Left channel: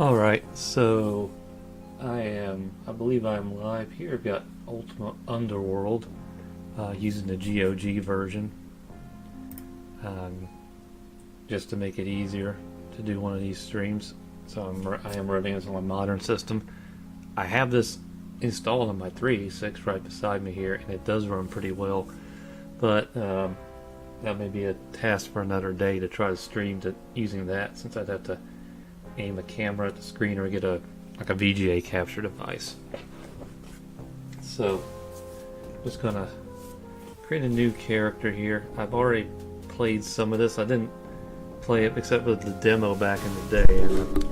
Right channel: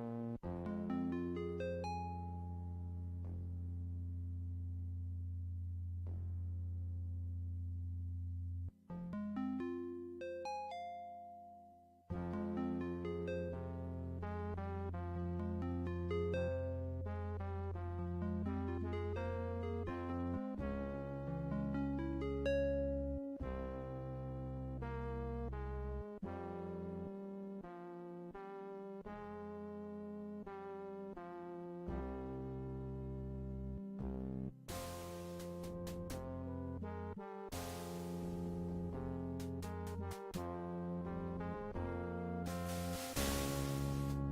Alright, so I believe I'm live here. I've got Ultima Underworld using the GOG version um, just to make it easier to do one of these streams. So I am running this on a modern system. I have this installed on my 386 right beside me here, and it does run pretty well, but that may be a task for another day to try to stream to using that, since I'd have to aim a camera at the screen or get a VGA capture device. So just gonna create a new character here. I've already played some of this. I didn't play it except with the demo back in the day, and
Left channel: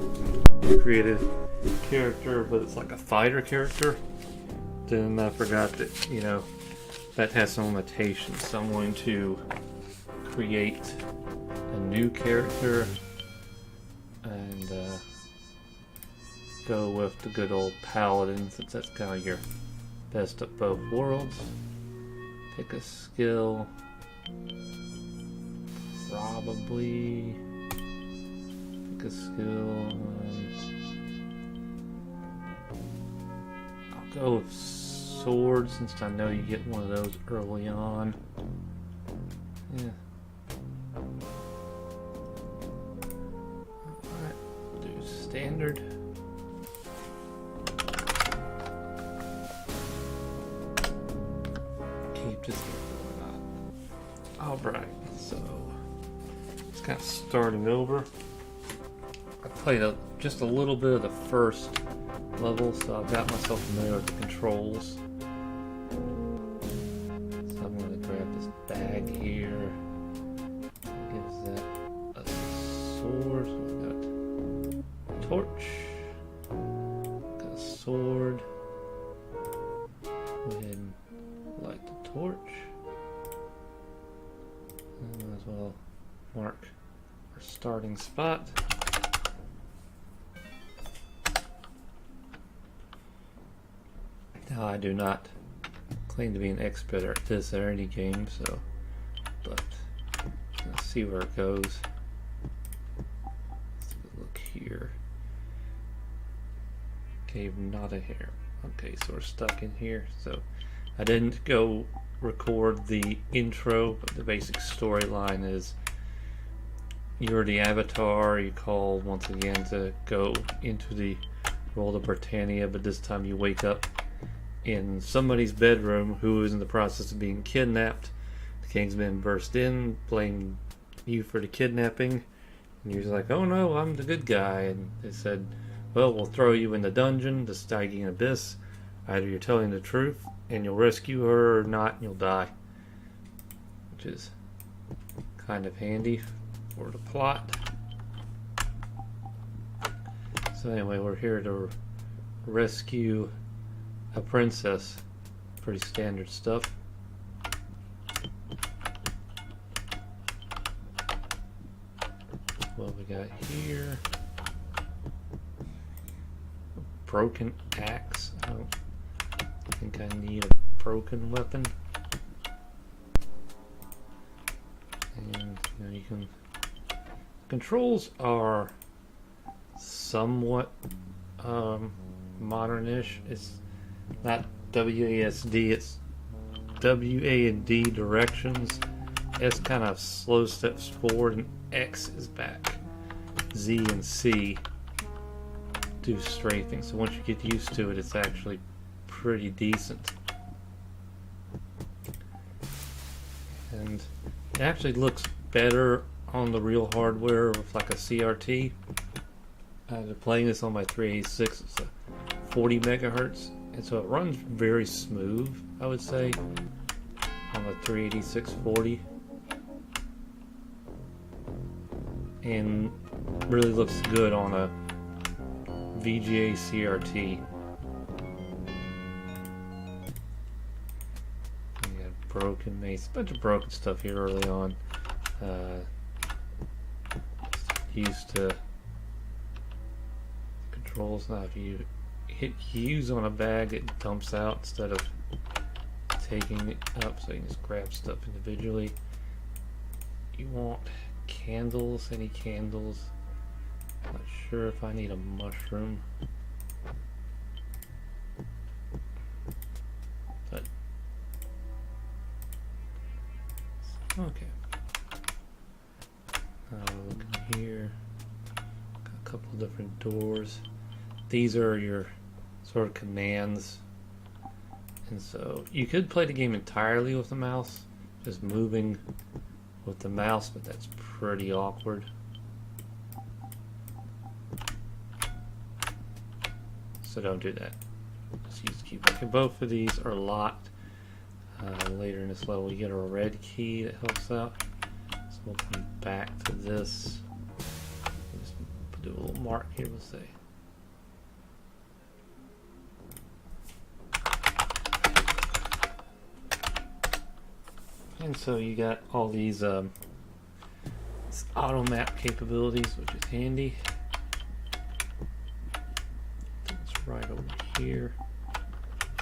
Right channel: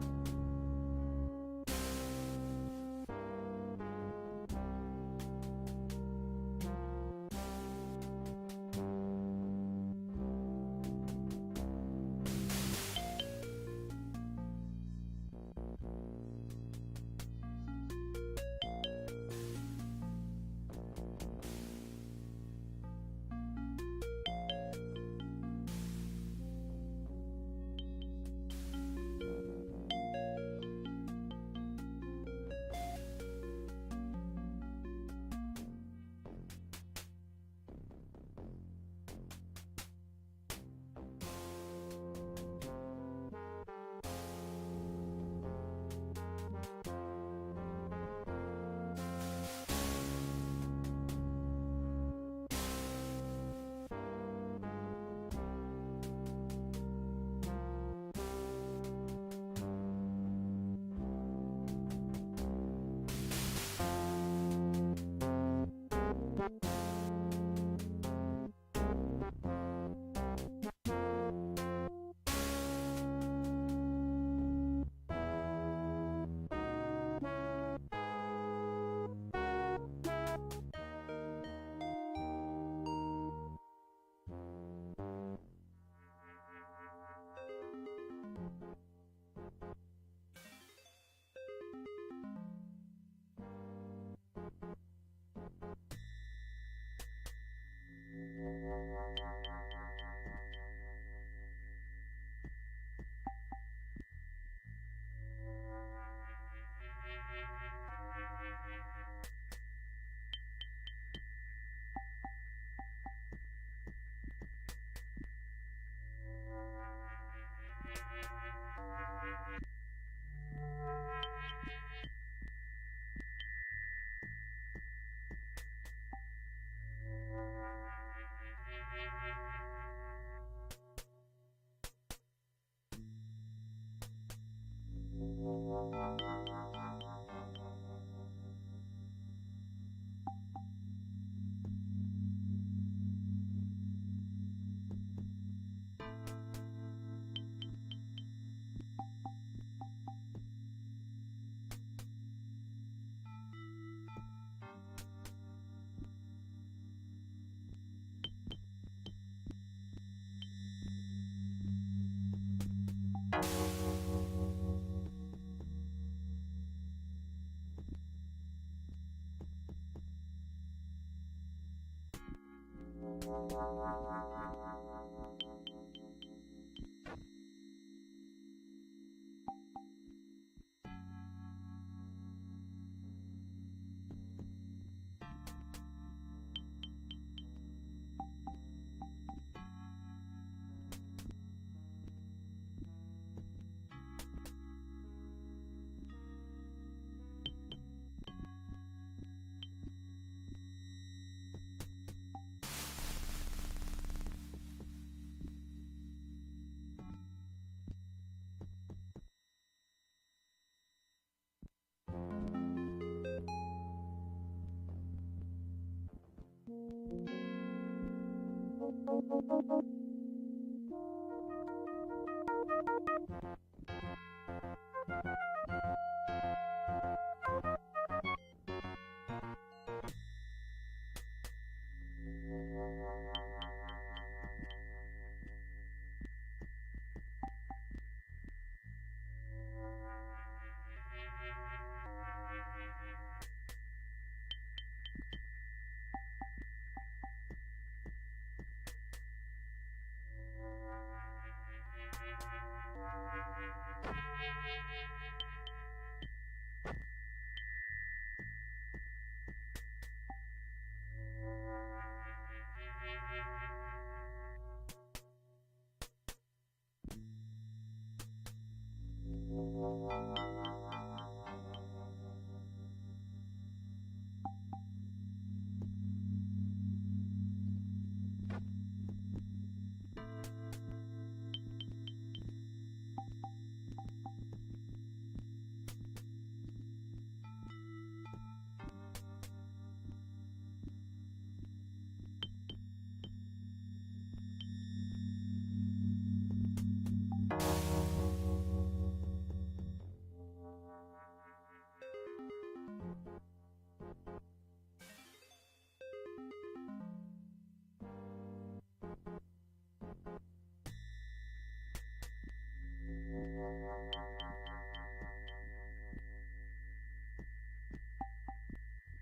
I created a character, but it's like a fighter character. Then I forgot that, that has some limitations, so I'm going to create a new character and go with the good old paladin, since that's kind of your best of both worlds. Pick a skill, probably pick a skill. I'll go with sword, since I know you get one of those early on. Yeah. Alright, do standard. Keep this. Alright, so it's kind of starting over. I played just a little bit of the first level, so I've got myself familiar with the controls. So I'm going to grab this bag here. Gives that a sword. Got a torch. Got a sword. And light the torch. As well mark our starting spot. Now, I do not claim to be an expert at this or any game, so but let's see where it goes. Let's look here. Cave not a hair. Okay, so we're stuck in here. So I didn't go record the intro, but the basic storyline is you're the avatar. You call once again to go into the world of Britannia, but this time you wake up in somebody's bedroom who is in the process of being kidnapped. The Kingsmen burst in, blame you for the kidnapping, and you're like, oh no, I'm the good guy. And they said, well, we'll throw you in the dungeon, the Stygian Abyss. Either you're telling the truth and you'll rescue her, or not and you'll die. Which is kind of handy for the plot. So anyway, we're here to rescue a princess. Pretty standard stuff. What we got here? Broken axe. I don't think I need a broken weapon. And you can. Controls are somewhat modern-ish. It's not WASD, it's WA&D directions. S kind of slow steps forward and X is back. Z and C do strafing. So once you get used to it, it's actually pretty decent. And it actually looks better on the real hardware with like a CRT. I've been playing this on my 386. It's a 40 megahertz. And so it runs very smooth, I would say, on the 386/40, and really looks good on a VGA CRT. We got broken mace, a bunch of broken stuff here early on. Used to controls, not if you hit use on a bag, it dumps out instead of taking it up, so you can just grab stuff individually. You want candles, any candles. Not sure if I need a mushroom. But okay. Look in here. Got a couple of different doors. These are your sort of commands. And so you could play the game entirely with the mouse, just moving with the mouse, but that's pretty awkward. So don't do that. Just use the keyboard. Okay, both of these are locked. Later in this level, you get a red key that helps out. So we'll come back to this. Just do a little mark here, we'll say. And so you got all these auto map capabilities, which is handy. It's right over here.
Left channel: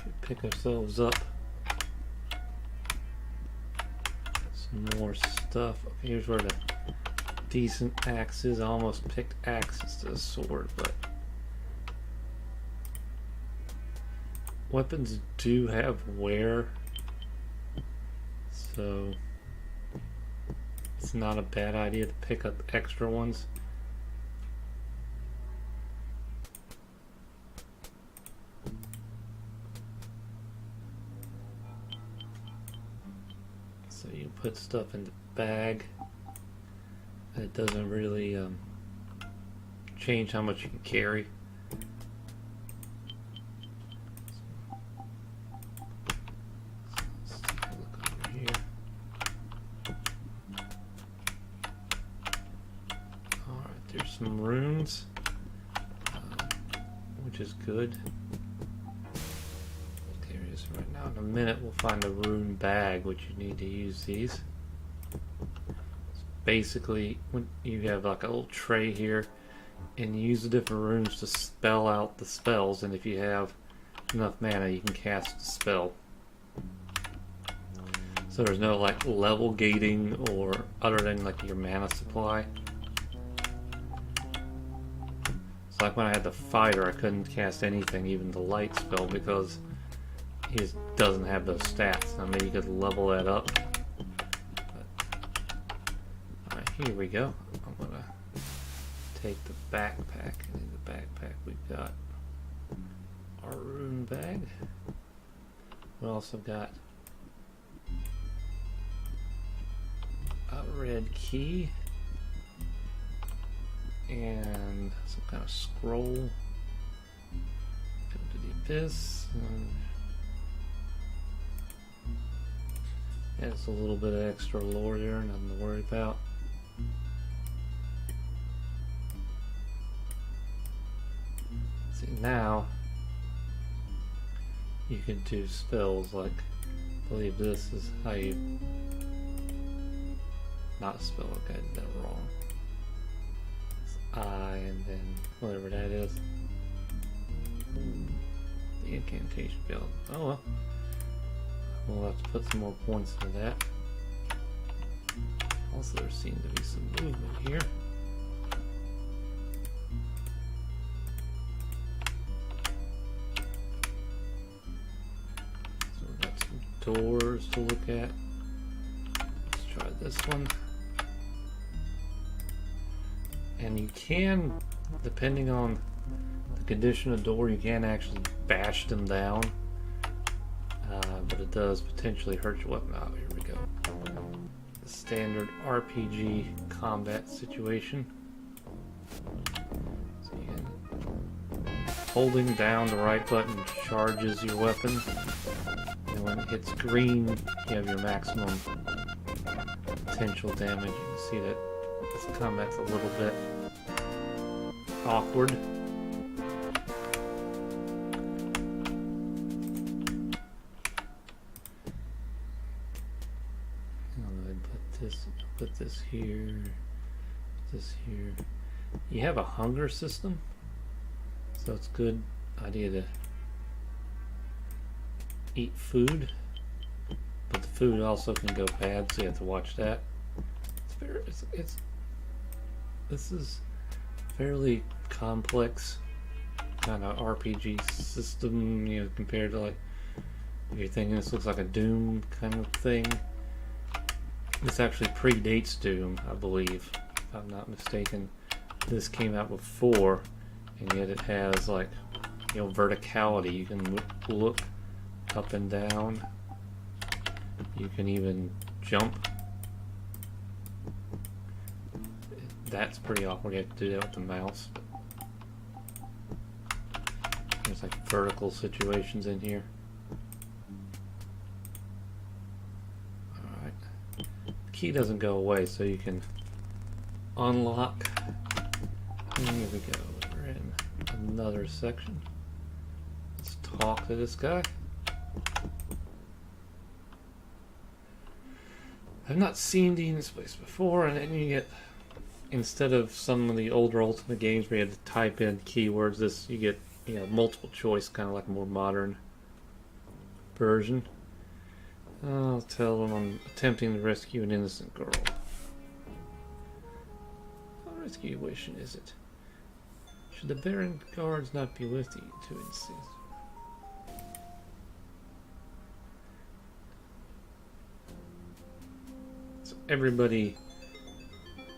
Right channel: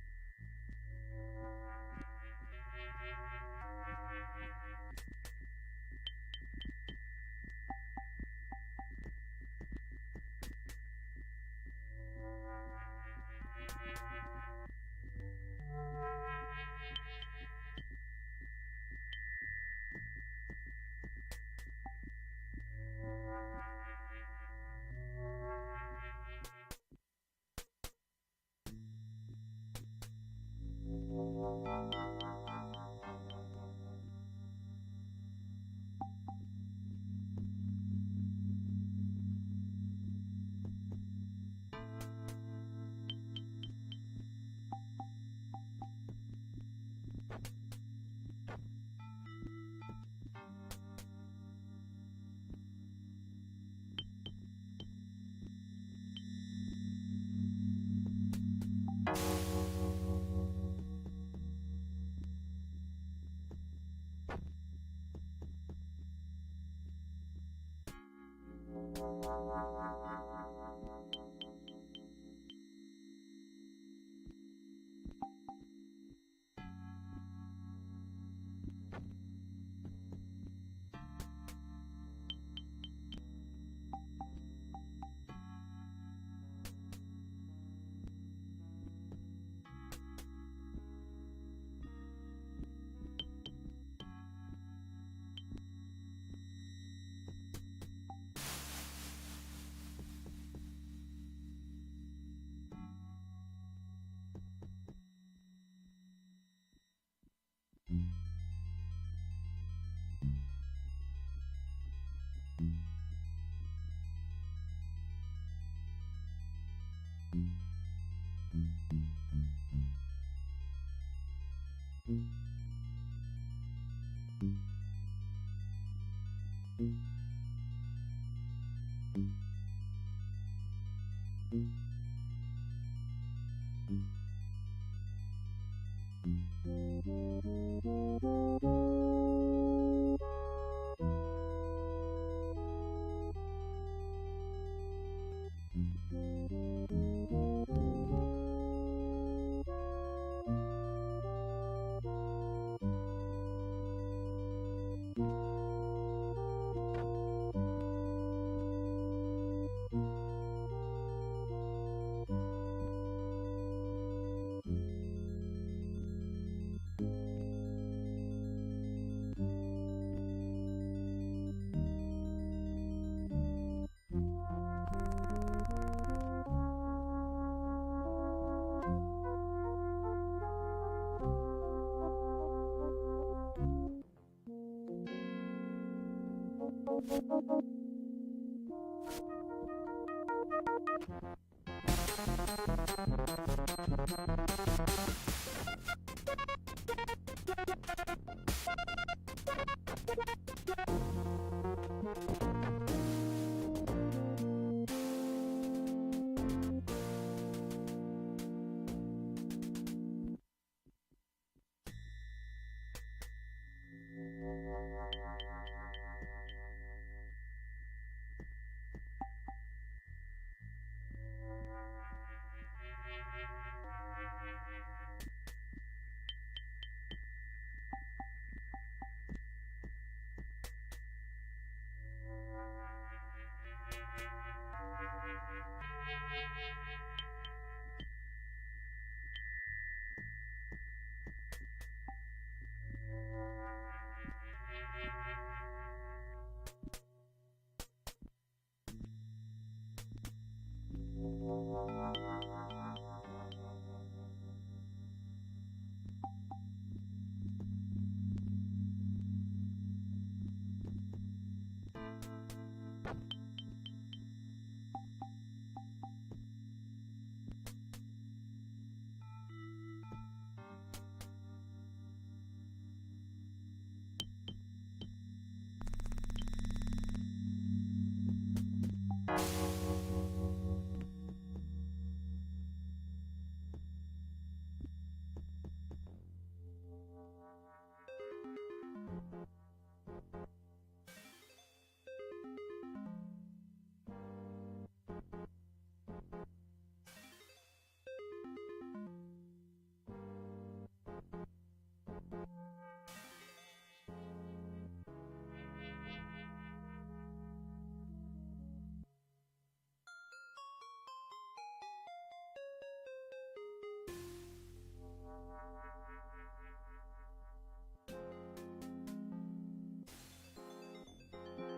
We pick ourselves up. Some more stuff. Okay, here's where the decent axe is. I almost picked axe instead of sword, but weapons do have wear. So it's not a bad idea to pick up extra ones. So you put stuff in the bag. It doesn't really change how much you can carry. Some runes, which is good. There it is right now. In a minute we'll find a rune bag, which you need to use these. Basically, when you have like a little tray here, and you use the different runes to spell out the spells, and if you have enough mana you can cast a spell. So there's no like level gating or other than like your mana supply. So like when I had the fighter, I couldn't cast anything, even the light spell, because he just doesn't have those stats. I mean, you could level that up. Alright, here we go. I'm gonna take the backpack. In the backpack we've got our rune bag. We also got a red key. And some kind of scroll. Go to the abyss. And it's a little bit of extra lore there, nothing to worry about. See, now you can do spells like, I believe this is how you, not a spell, okay, I did that wrong. And then whatever that is. The incantation bell. Oh well. We'll have to put some more points into that. Also, there seems to be some movement here. So we've got some doors to look at. Let's try this one. And you can, depending on the condition of the door, you can actually bash them down, but it does potentially hurt your weapon. Oh, here we go. The standard RPG combat situation. So holding down the right button charges your weapon, and when it hits green, you have your maximum potential damage. You can see that this combat's a little bit awkward. Put this here, this here. You have a hunger system, so it's a good idea to eat food, but the food also can go bad, so you have to watch that. This is fairly complex kind of RPG system, you know, compared to, like, if you're thinking this looks like a Doom kind of thing. This actually predates Doom, I believe, if I'm not mistaken. This came out before, and yet it has, like, you know, verticality. You can look up and down. You can even jump. That's pretty awkward. You have to do that with the mouse. There's like vertical situations in here. Alright. The key doesn't go away, so you can unlock. We need to go over in another section. Let's talk to this guy. I've not seen Demon's Place before, and then you get, instead of some of the older Ultima games where you had to type in keywords, this you get, you know, multiple choice, kind of like a more modern version. I'll tell them I'm attempting to rescue an innocent girl. How risky a wish is it? Should the Baron guards not be with you to insist? Everybody,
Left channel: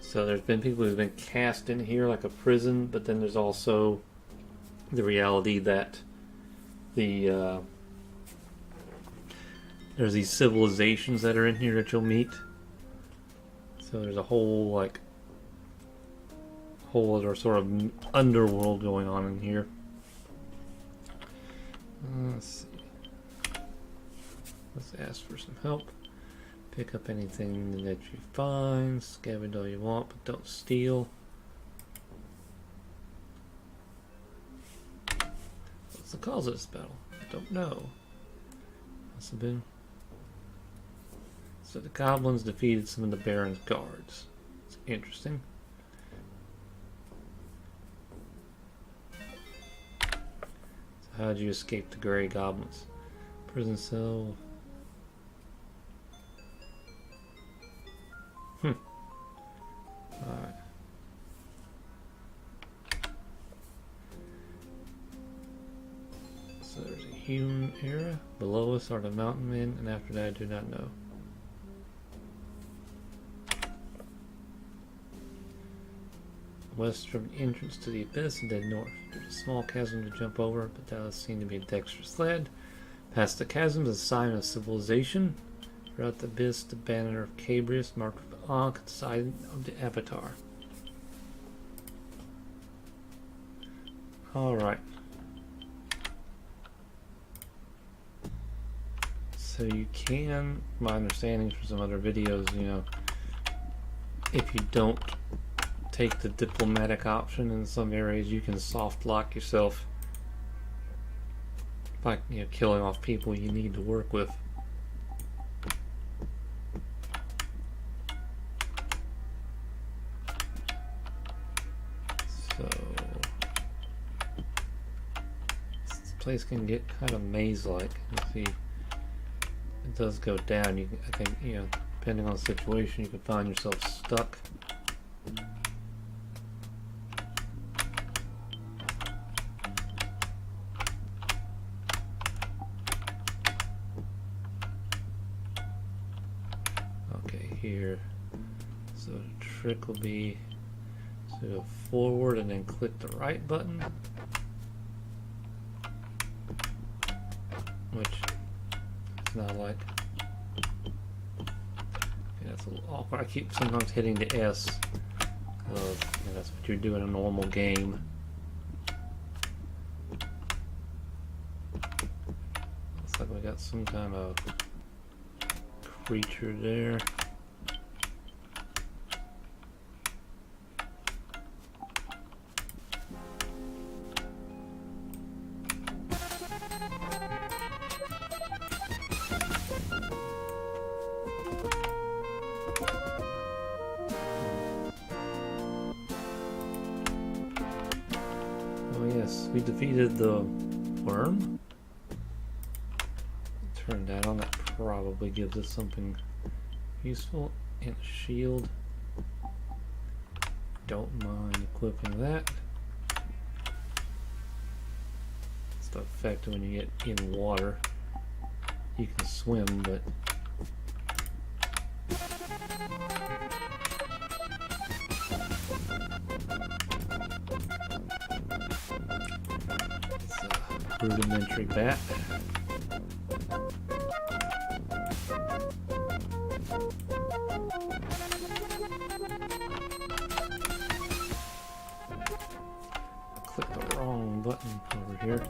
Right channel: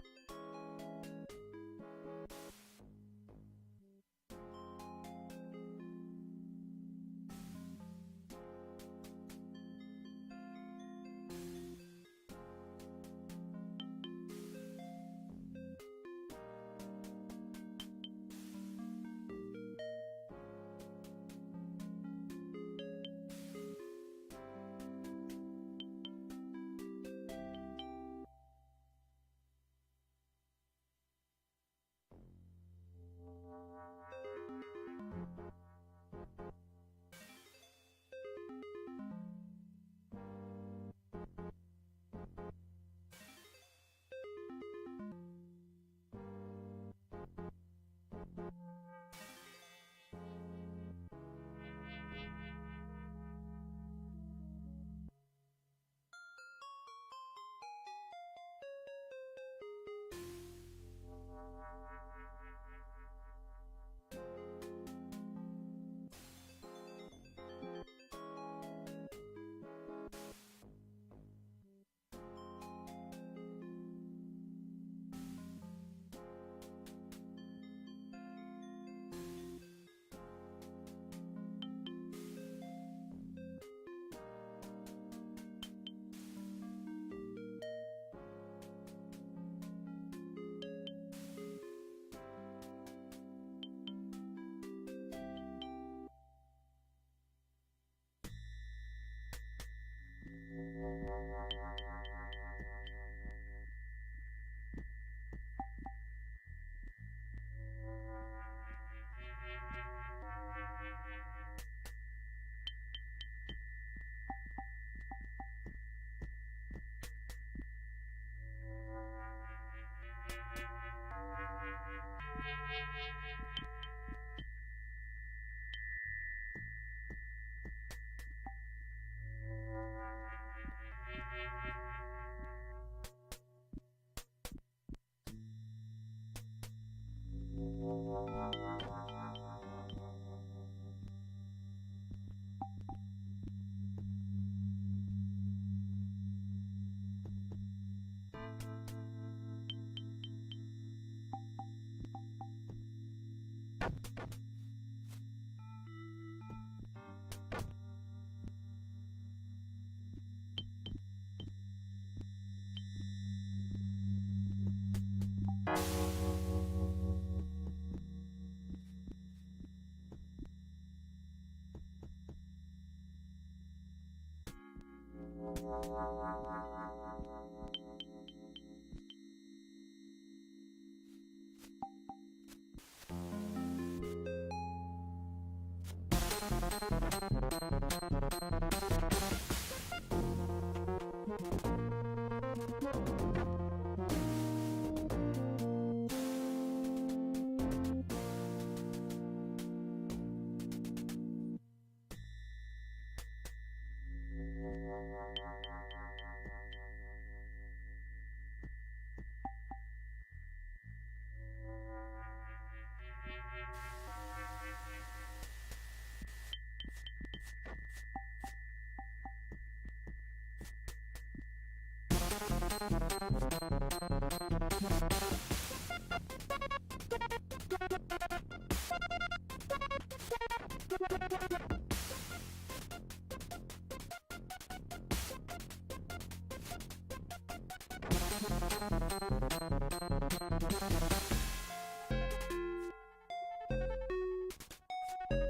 so there's been people who've been cast in here like a prison, but then there's also the reality that the there's these civilizations that are in here that you'll meet. So there's a whole, like, whole other sort of underworld going on in here. Let's see. Let's ask for some help. Pick up anything that you find, scavenge all you want, but don't steal. What's the cause of this battle? I don't know. Must have been. So the goblins defeated some of the Baron's guards. It's interesting. So how did you escape the Grey Goblins? Prison cell. Alright. So there's a human era. Below us are the mountain men, and after that I do not know. West from the entrance to the abyss and then north. There's a small chasm to jump over, but that does seem to be a dexterous lad. Past the chasm is a sign of civilization. Throughout the abyss, the banner of Cabrius marked with Ankh at the side of the avatar. Alright. So you can, my understanding from some other videos, you know, if you don't take the diplomatic option in some areas, you can soft lock yourself by, you know, killing off people you need to work with. Place can get kind of maze-like. You see, it does go down. You, I think, you know, depending on the situation, you can find yourself stuck. Okay, here. So the trick will be to go forward and then click the right button. Which it's not like, yeah, it's a little awkward. I keep sometimes hitting the S. That's what you do in a normal game. Looks like we got some kind of creature there. We defeated the worm. Turn that on. That probably gives us something useful. And a shield. don't mind equipping that. It's the effect when you get in water. You can swim, but it's a rudimentary bat. Click the wrong button over here.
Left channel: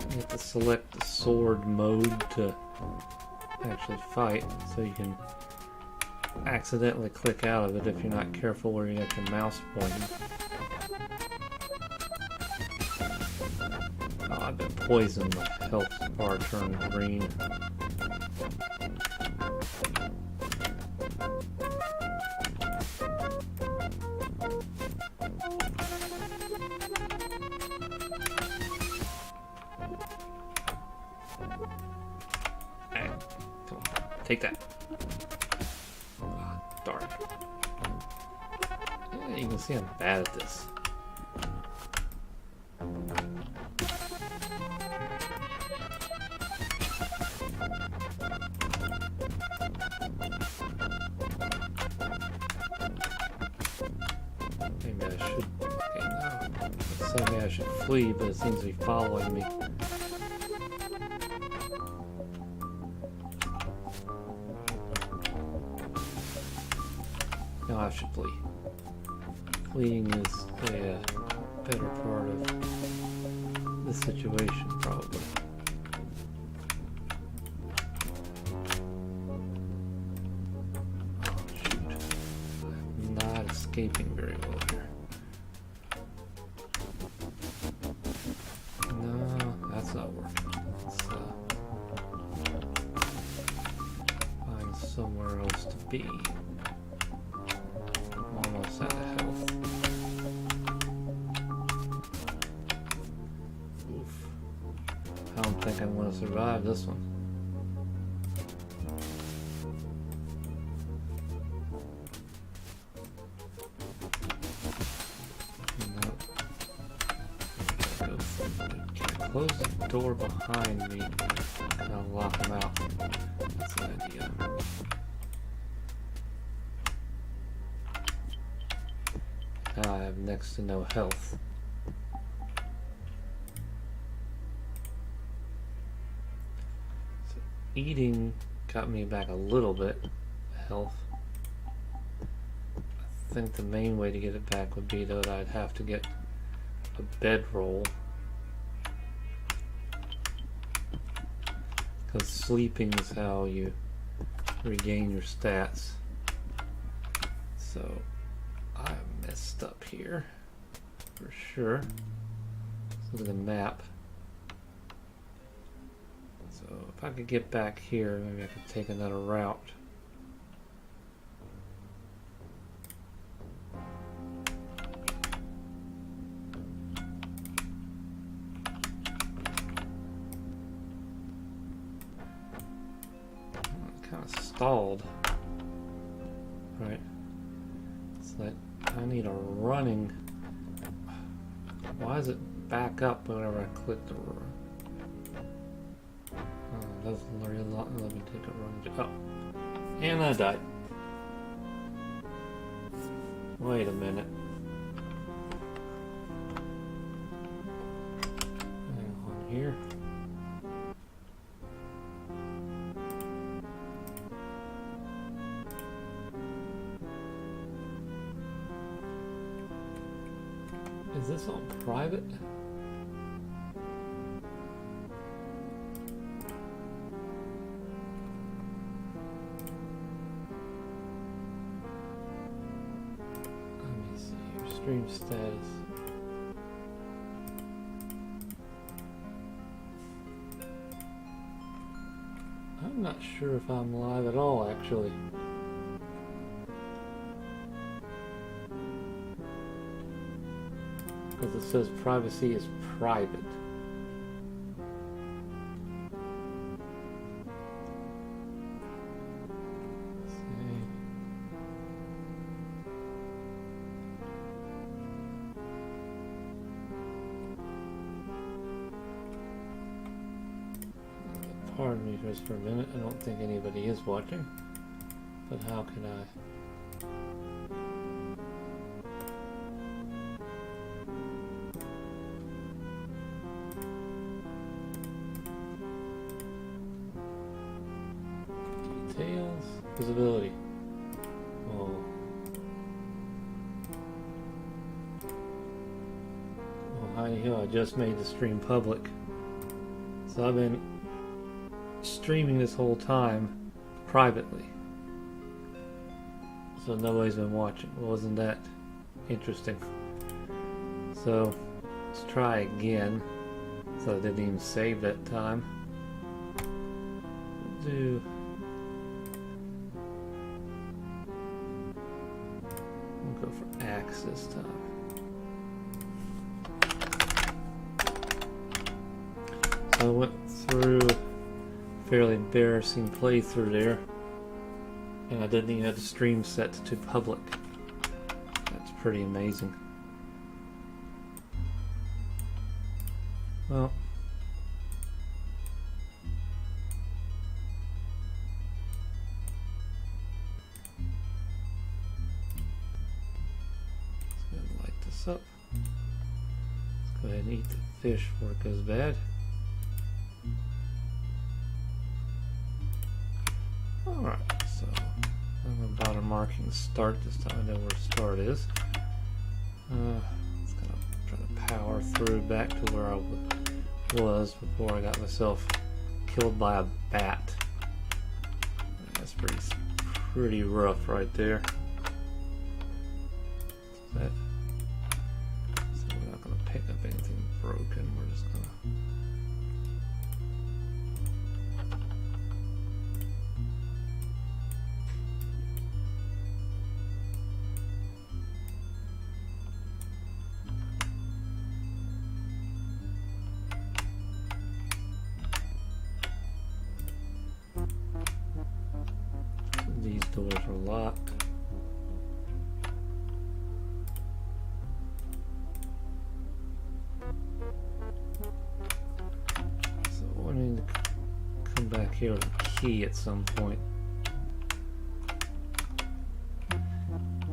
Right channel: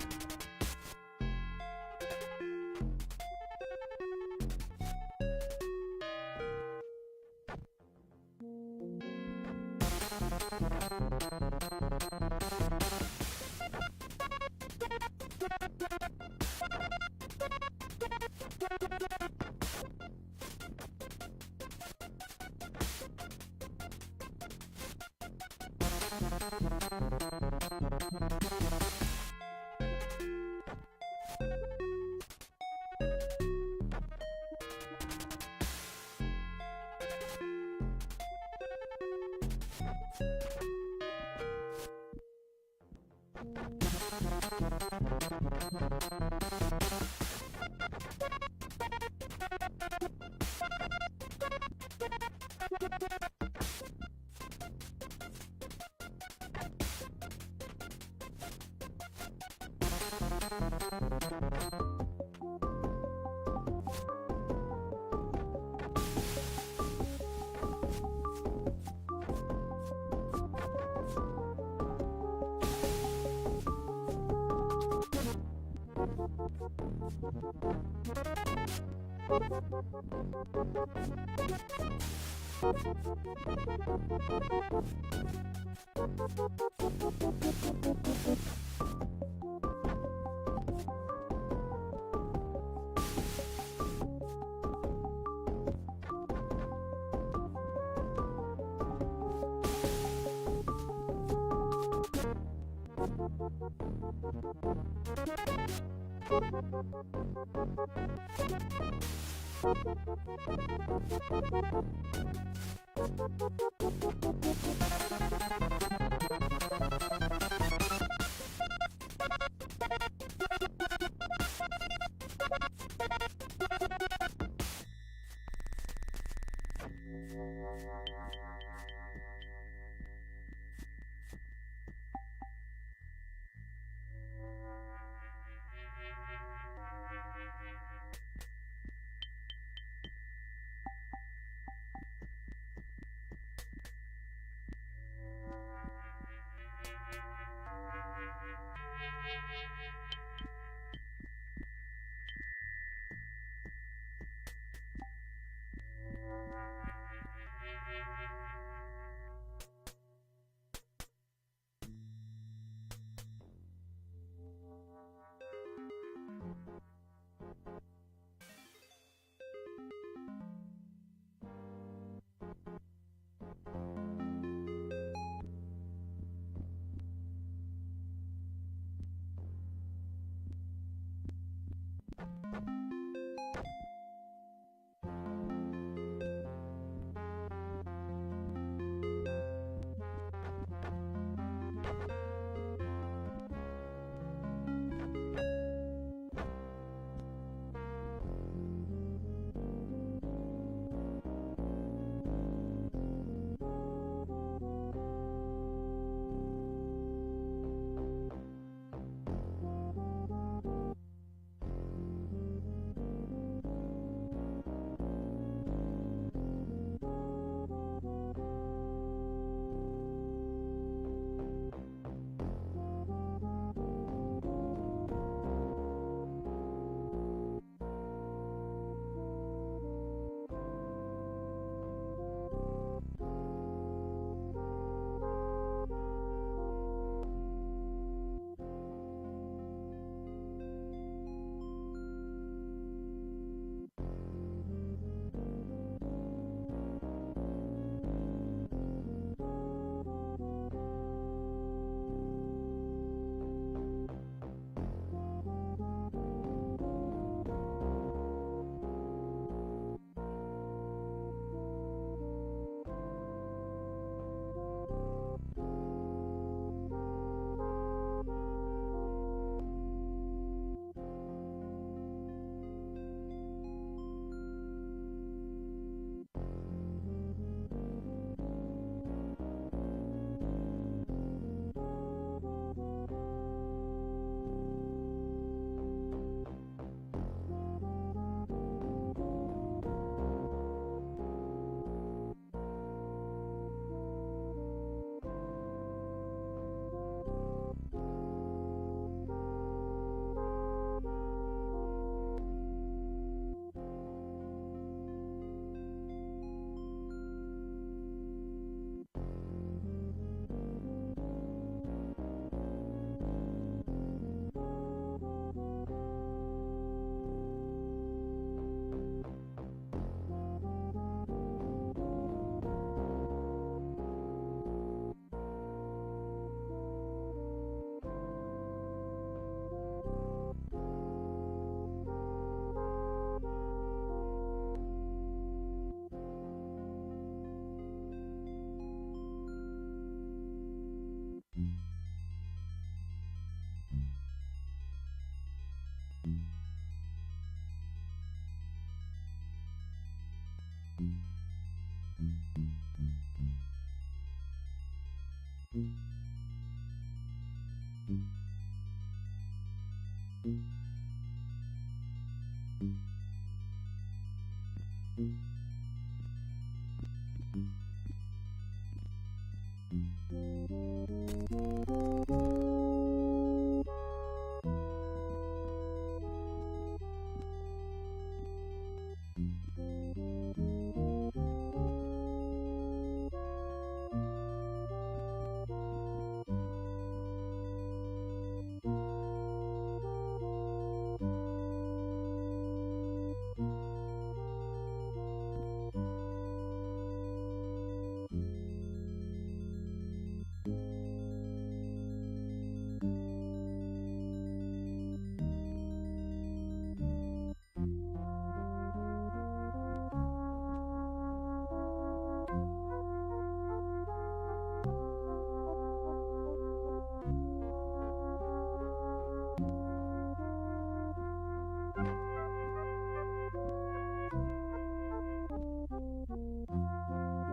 You have to select the sword mode to actually fight, so you can accidentally click out of it if you're not careful where you have your mouse pointing. Oh, I've been poisoned. My health bar turned green. Take that. Oh, darn it. Yeah, you can see I'm bad at this. Maybe I should. Okay, no. Maybe I should flee, but it seems to be following me. I should flee. Fleeing is a better part of the situation, probably. Oh, shoot. Not escaping very well here. No, that's not working. Let's find somewhere else to be. I don't think I'm going to survive this one. Close the door behind me and I'll lock him out. That's the idea. Now I have next to no health. Eating got me back a little bit of health. I think the main way to get it back would be that I'd have to get a bedroll, because sleeping is how you regain your stats. So I messed up here for sure. Let's look at the map. So if I could get back here, maybe I could take another route. Kind of stalled. Right. It's like I need a running. Why does it back up whenever I click the room? Doesn't really let me take a run. Oh, and I died. Wait a minute. Hang on here. Is this on private? Stream status. I'm not sure if I'm live at all, actually. Because it says privacy is private. just for a minute. I don't think anybody is watching, but how can I? Details, visibility. Oh. Well, Heidi Hill, I just made the stream public. So I've been streaming this whole time privately. So nobody's been watching. Wasn't that interesting? So let's try again. So I didn't even save that time. Do we'll go for axe this time. So I went through a fairly embarrassing playthrough there, and I didn't even have the stream set to public. That's pretty amazing. Well, let's go ahead and light this up. Let's go ahead and eat the fish before it goes bad. Alright, so I'm about to marking start this time. I know where start is. It's gonna power through back to where I was before I got myself killed by a bat. That's pretty rough right there. So we're not gonna pick up anything broken. We're just gonna. These doors are locked. So I need to come back here with a key at some point.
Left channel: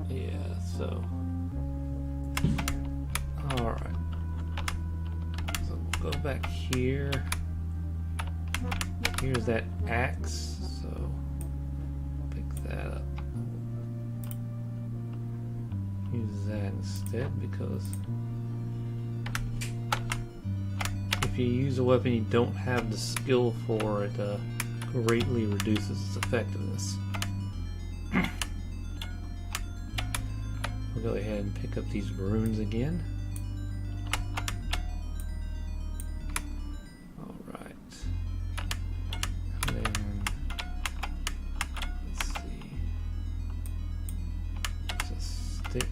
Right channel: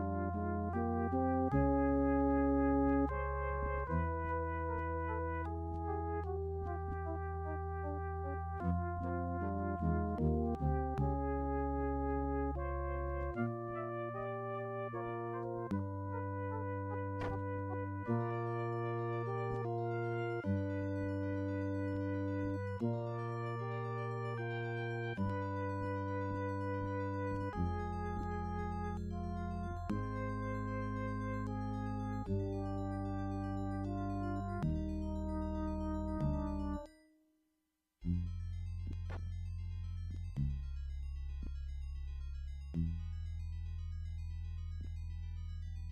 Yeah, so alright. So go back here. Here's that axe. Because if you use a weapon you don't have the skill for, it greatly reduces its effectiveness. We'll go ahead and pick up these runes again. Alright. And then let's see. There's a stick.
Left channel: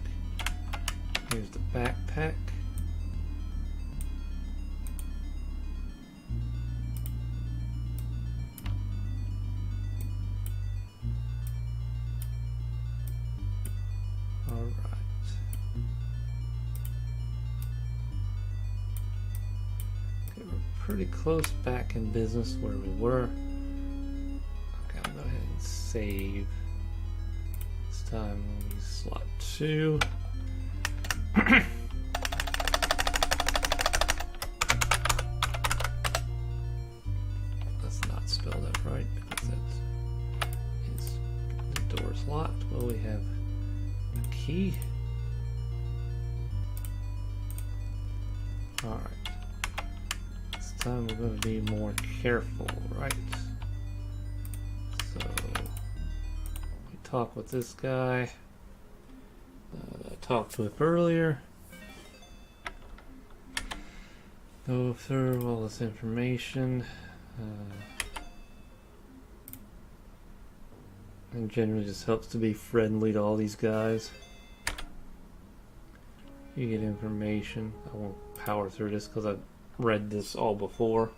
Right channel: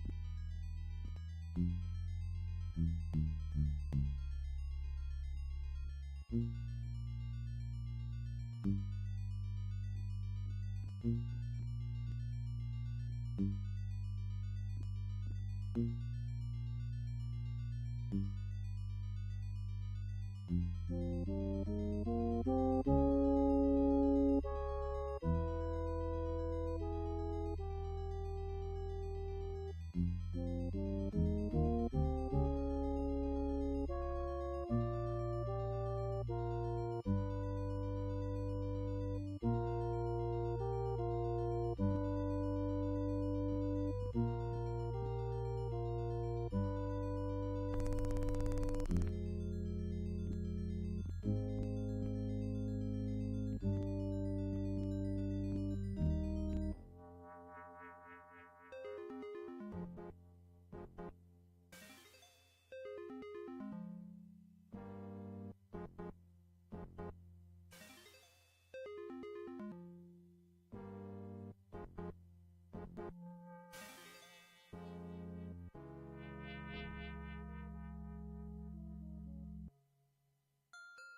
Here's the backpack. All right. Okay, we're pretty close back in business where we were. Okay, I'll go ahead and save. This time we'll use slot 2. Let's not spell that right because that is the door's locked. Well, we have a key. Alright. This time we're going to be more careful, right? So we talk with this guy. Talked with earlier. Go through all this information. And generally just helps to be friendly to all these guys. You get information. I won't power through this because I've read this all before.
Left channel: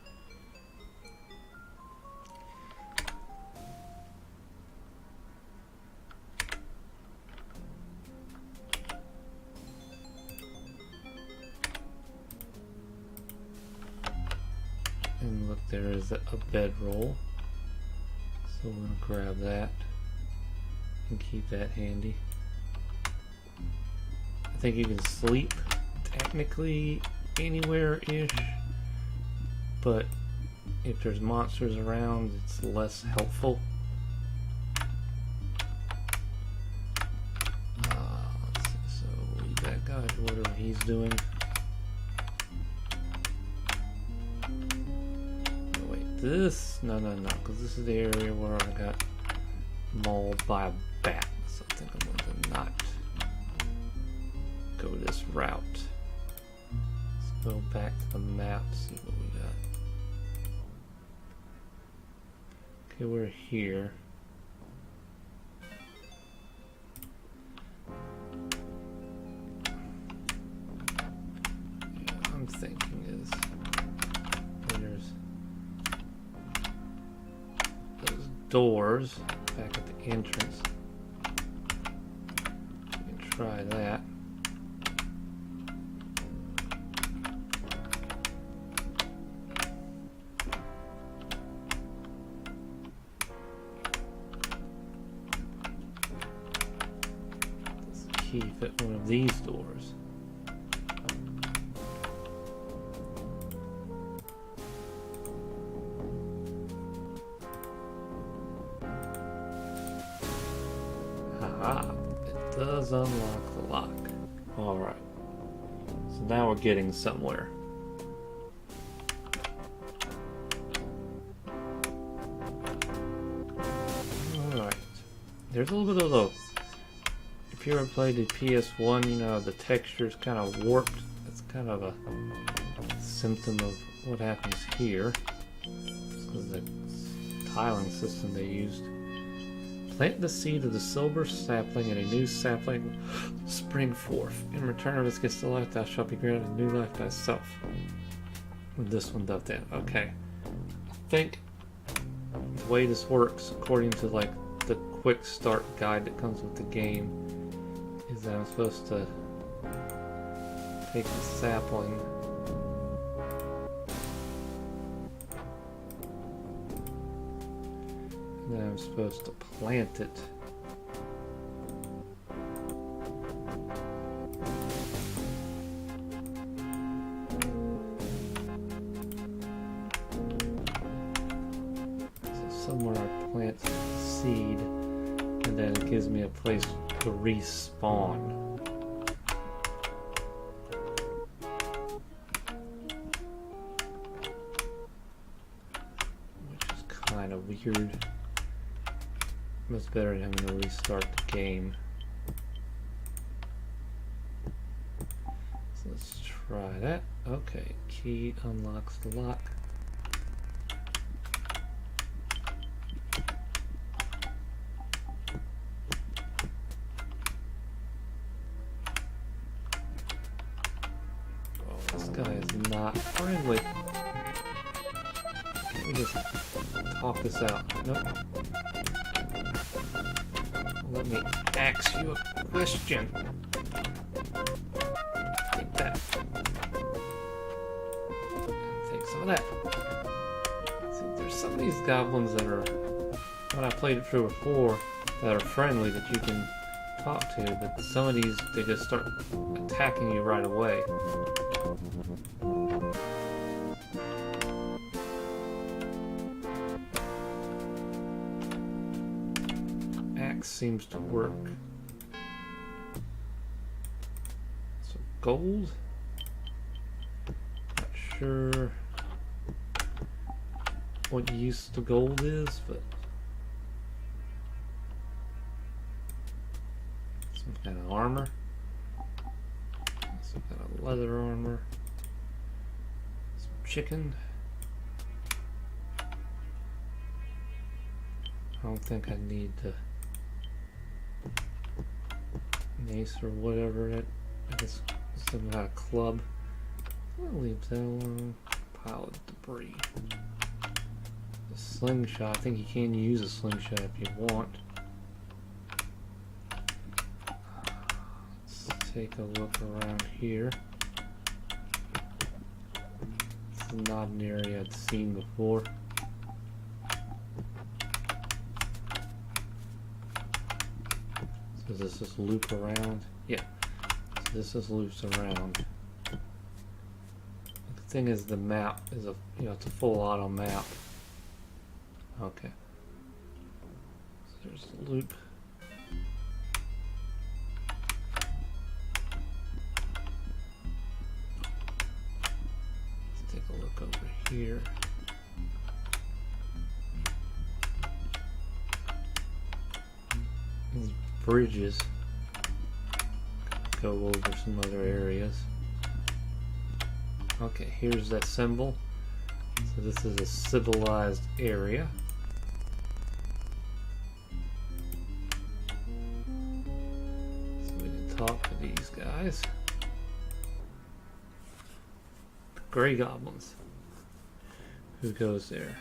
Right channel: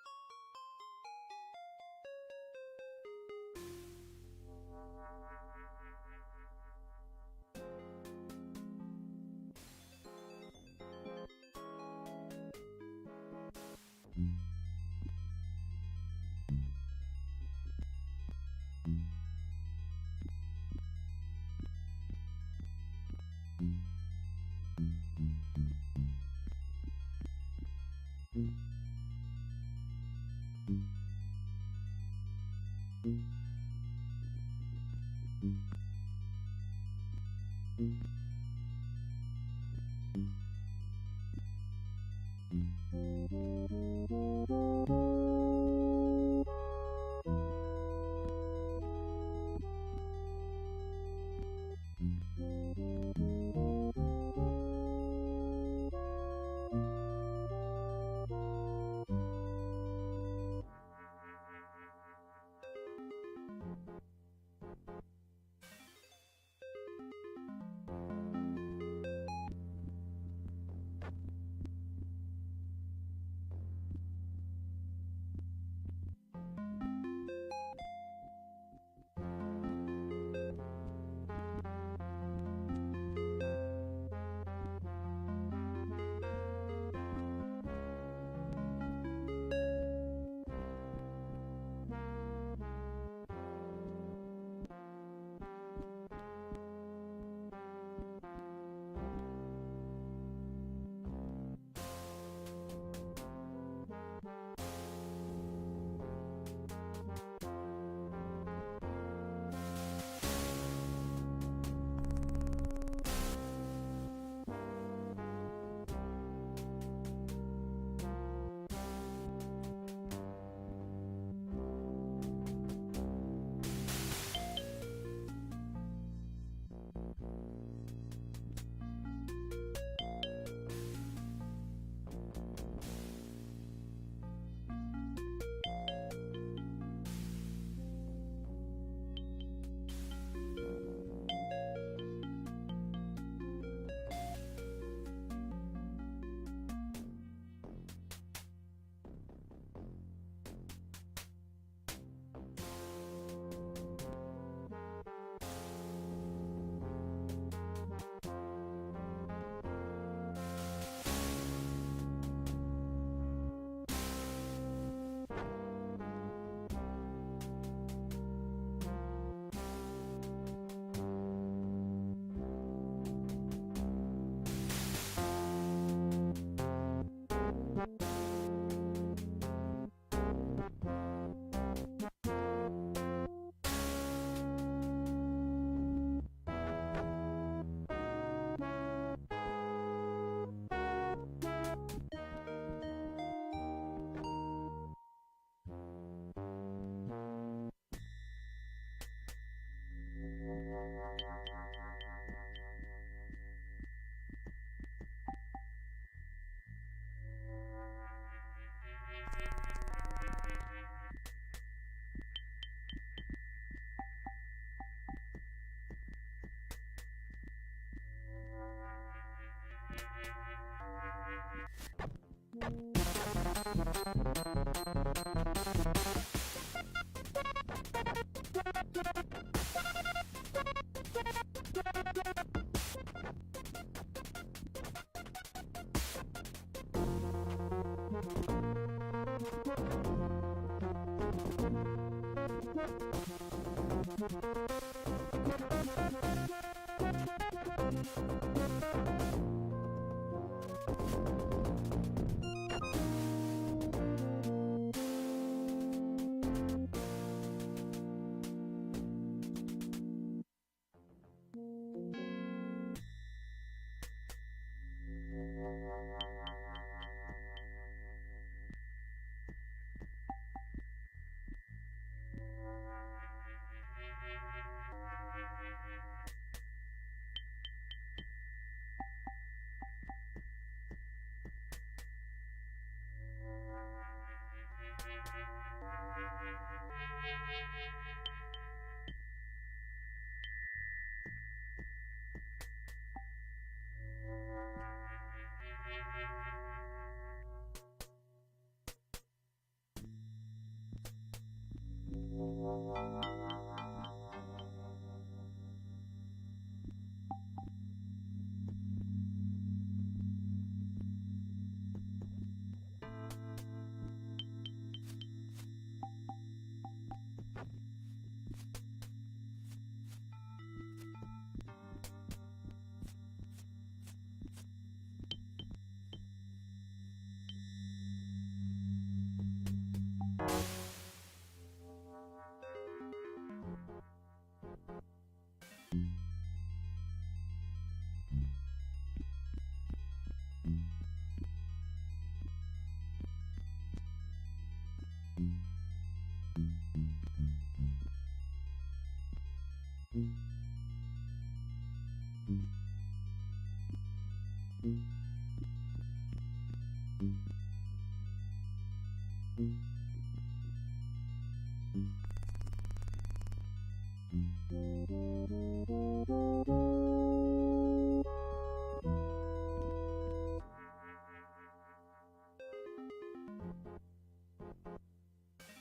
There is a bedroll. So we're gonna grab that and keep that handy. I think you can sleep technically anywhere-ish, but if there's monsters around, it's less helpful. Let's see, so we'll leave that guy to whatever he's doing. Wait, this? No, because this is the area where I got mauled by a bat, so I think I'm going to not go this route. Let's go back to the map, see what we got. Okay, we're here. Yeah, I'm thinking is there's those doors back at the entrance. We can try that. Key fit one of these doors. Haha, it does unlock the lock. Alright, so now we're getting somewhere. Alright, there's a little bit of the... If you ever played the PS1, you know, the texture's kind of warped. It's kind of a symptom of what happens here. It's because of the tiling system they used. Plant the seed of the silver sapling and a new sapling will spring forth. In return of this gets to life, thou shalt be granted a new life thyself. With this one dubbed in. Okay. I think the way this works, according to like the quick start guide that comes with the game, is that I'm supposed to take the sapling and then I'm supposed to plant it. So somewhere I plant the seed and then it gives me a place to respawn. Which is kind of weird. Much better than having to restart the game. So let's try that. Okay, key unlocks the lock. This guy is not friendly. Let me just talk this out. Nope. Let me ask you a question. Take that. Take some of that. See, there's some of these goblins that are, when I played it through before, that are friendly that you can talk to, but some of these, they just start attacking you right away. Seems to work. So gold. Not sure what use the gold is, but some kind of armor. Some kind of leather armor. Some chicken. I don't think I need to mace or whatever. I guess some kind of club. I'll leave that alone. Pile of debris. The slingshot. I think you can use a slingshot if you want. Let's take a look around here. This is not an area I'd seen before. Does this just loop around? Yeah. So this just loops around. The thing is, the map is it's a full auto map. Okay. So there's a loop. Let's take a look over here. These bridges go over some other areas. Okay, here's that symbol. So this is a civilized area. So we can talk to these guys. Gray goblins. Who goes there?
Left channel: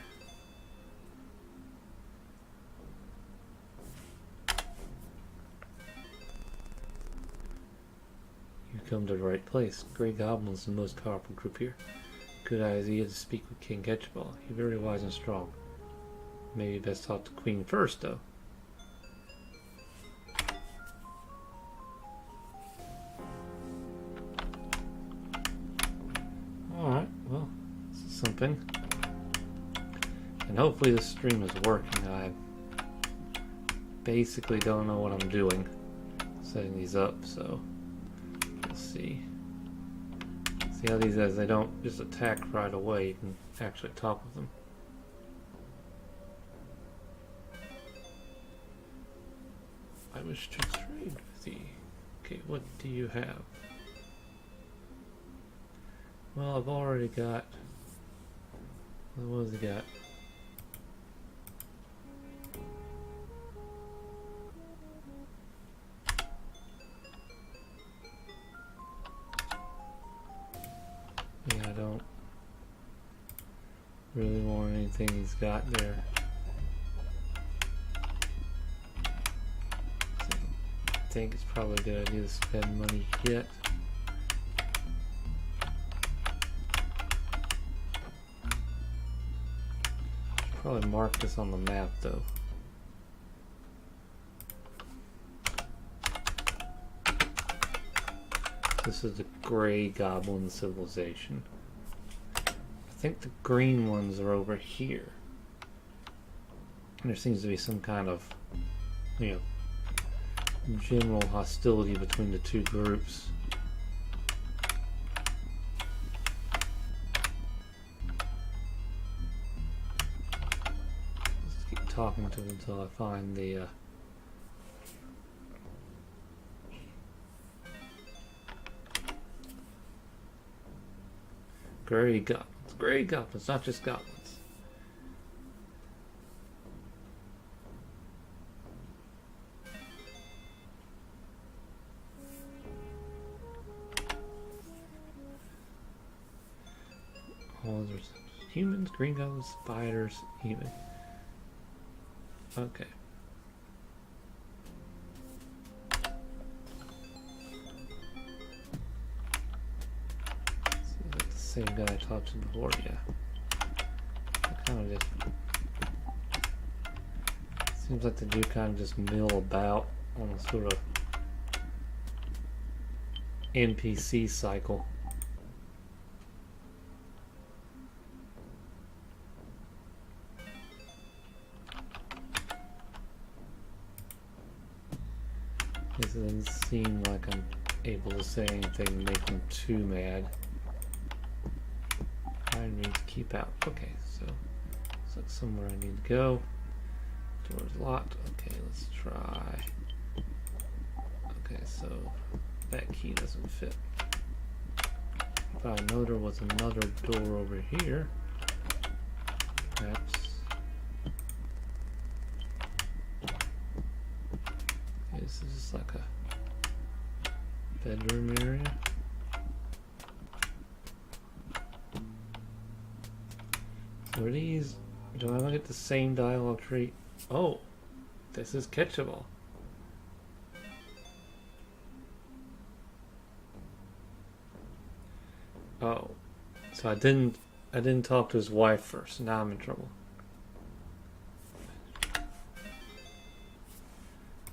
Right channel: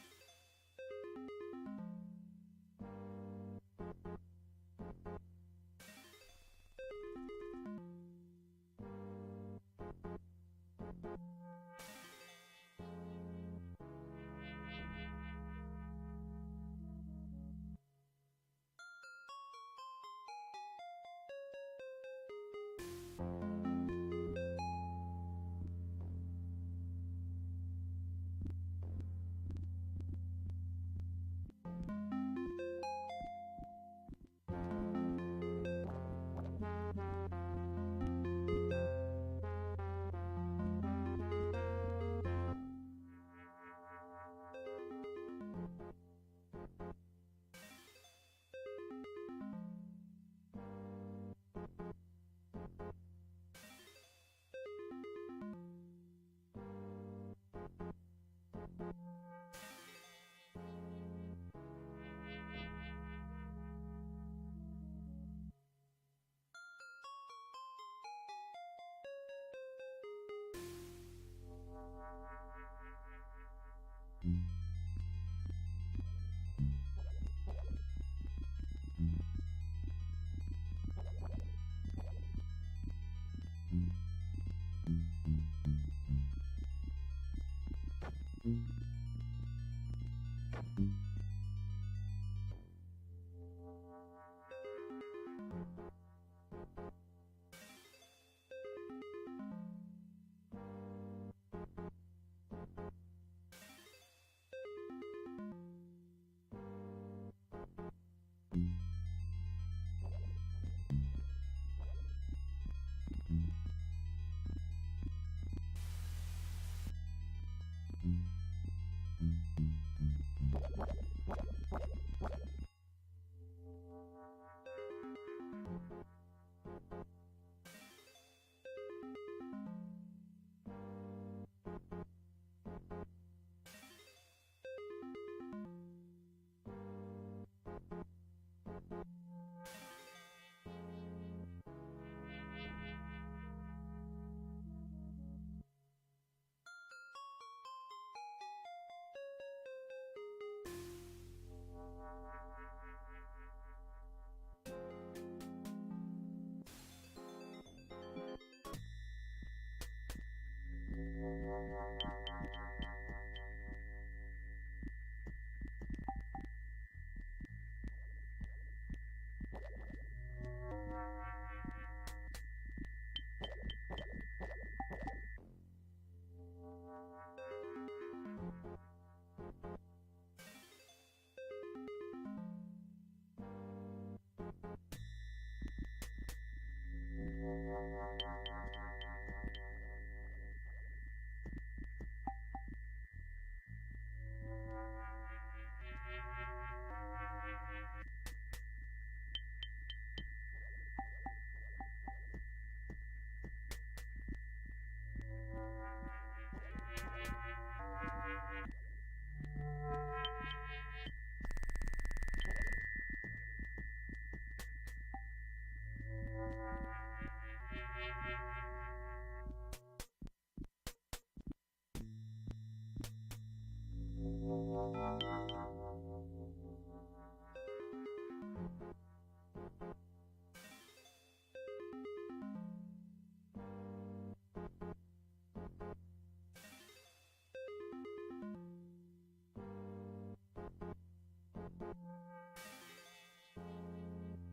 You come to the right place. Gray goblins is the most powerful group here. Good idea to speak with King Ketchball. He's very wise and strong. Maybe best talk to Queen first, though. Alright, well, this is something. And hopefully this stream is working. I basically don't know what I'm doing setting these up, so let's see. See how these guys, they don't just attack right away, you can actually talk with them. I wish to trade with thee. Okay, what do you have? Well, I've already got... What has he got? Yeah, I don't really want anything he's got there. I think it's probably a good idea to spend money yet. Probably mark this on the map though. This is the Gray Goblin Civilization. I think the green ones are over here. And there seems to be some kind of, general hostility between the two groups. Let's keep talking to them until I find the Gray Goblins. Gray Goblins, not just goblins. Oh, there's humans, green goblins, spiders, even. Okay. Same guy I talked to before, yeah. Kind of just seems like they do kind of just mill about on a sort of NPC cycle. This doesn't seem like I'm able to say anything to make them too mad. I need to keep out. Okay, so that's somewhere I need to go. Door's locked. Okay, let's try. Okay, so that key doesn't fit. If I know there was another door over here, perhaps. Okay, this is just like a bedroom area. So are these, do I get the same dialogue tree? Oh, this is catchable. Oh, so I didn't talk to his wife first. Now I'm in trouble.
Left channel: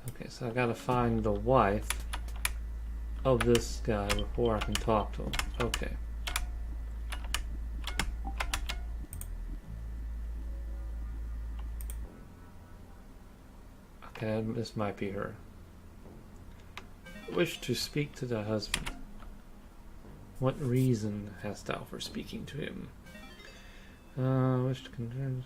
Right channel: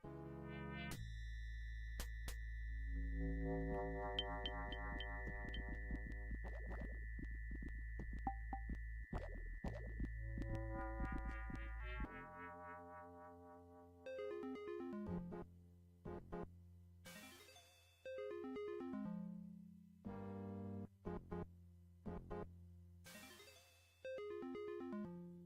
Okay, so I gotta find the wife of this guy before I can talk to him. Okay. Okay, this might be her. Wish to speak to the husband. What reason hast thou for speaking to him? Wish to concern.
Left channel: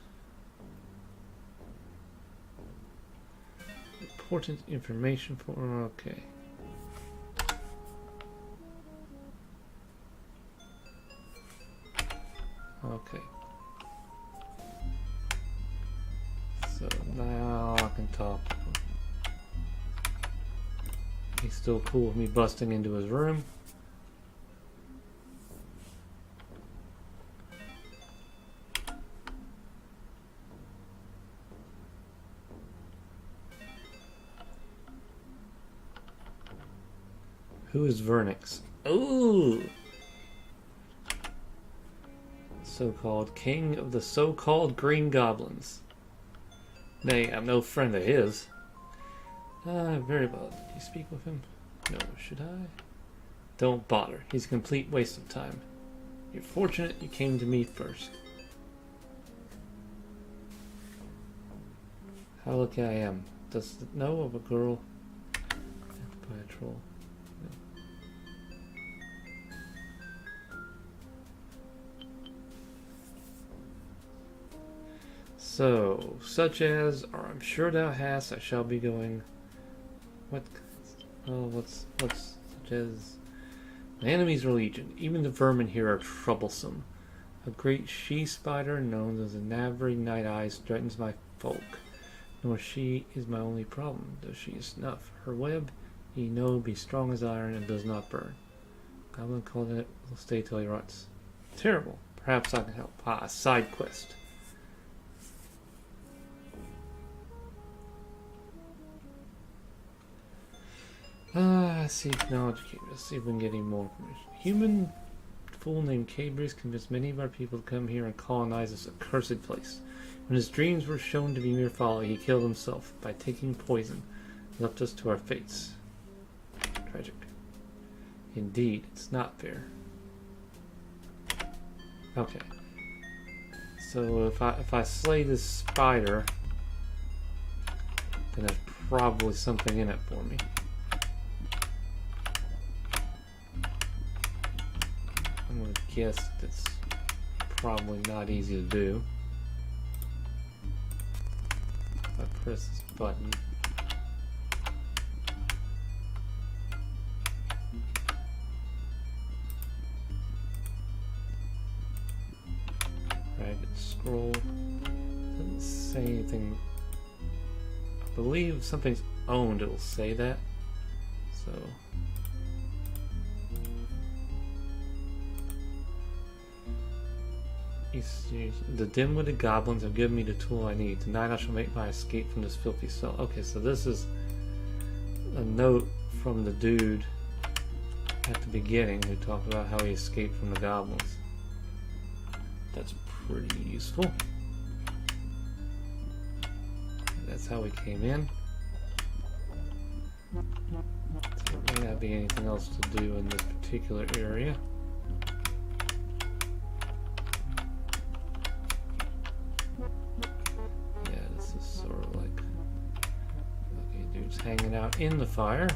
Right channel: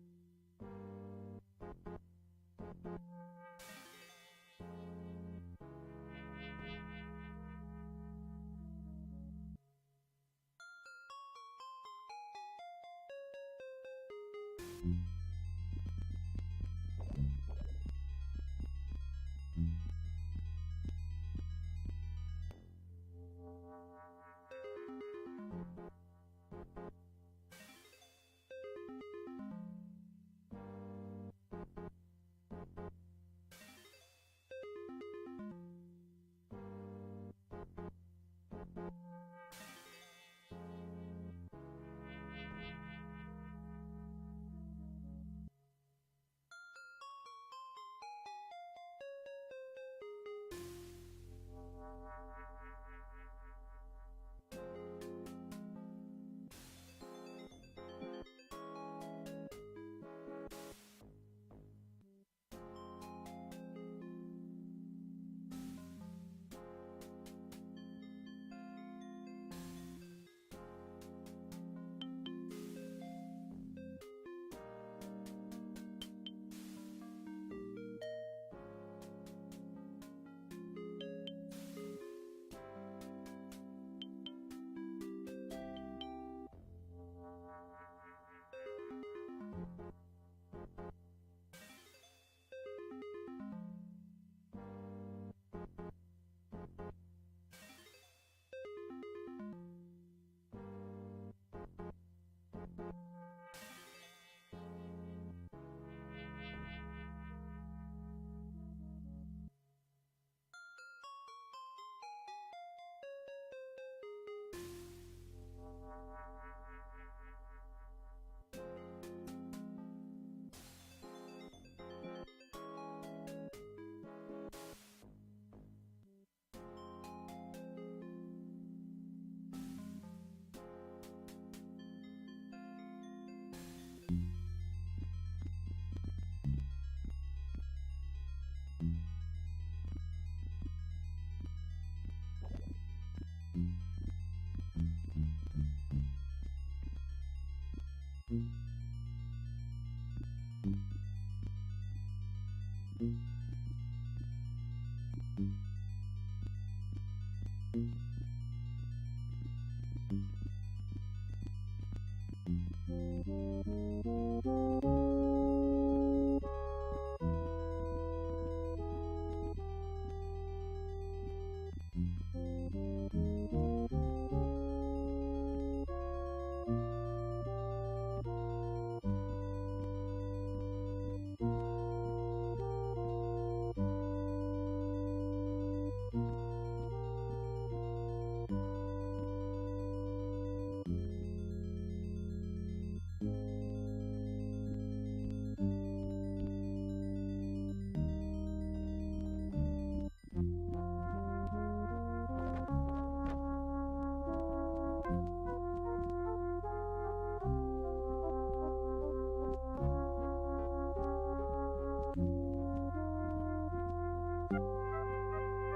Important information for. Okay. Okay. So now I can talk to him. He's still cool with me busting into his room. Who is Vernix? Ooh! So-called king of the so-called green goblins. Nay, I'm no friend of his. Very well. Can you speak with him? No, should I? Don't bother. He's a complete waste of time. You're fortunate you came to me first. How lucky I am. Does it know of a girl? By a troll. So, such as, or I'm sure thou hast, I shall be going. What? Oh, what's such as? My enemies are legion. Even the vermin here are troublesome. A great she-spider known as the Navary Night Eyes threatens my folk. Nor she is my only problem, though she is snuff. Her web, ye know, be strong as iron and does not burn. Goblin called it will stay till he rots. Terrible. Perhaps I can help. Ah, a side quest. Seek knowledge. Let's see if we can get any more information. Human fool named Cabris convinced many of our people to come here and colonize this accursed place. When his dreams were shown to be mere folly, he killed himself by taking poison, left us to our fates. Tragic. Indeed, it's not fair. Okay. So if I slay this spider, then there's probably something in it for me. I'm gonna guess that's probably not easy to do. If I press this button. Scroll. Doesn't say anything. I believe if something's owned, it will say that. So. The dim-witted goblins have given me the tool I need. Tonight I shall make my escape from this filthy cell. Okay, so this is a note from the dude at the beginning who talked about how he escaped from the goblins. That's pretty useful. That's how we came in. So there may not be anything else to do in this particular area. Yeah, this is sort of like, okay, dude's hanging out in the fire.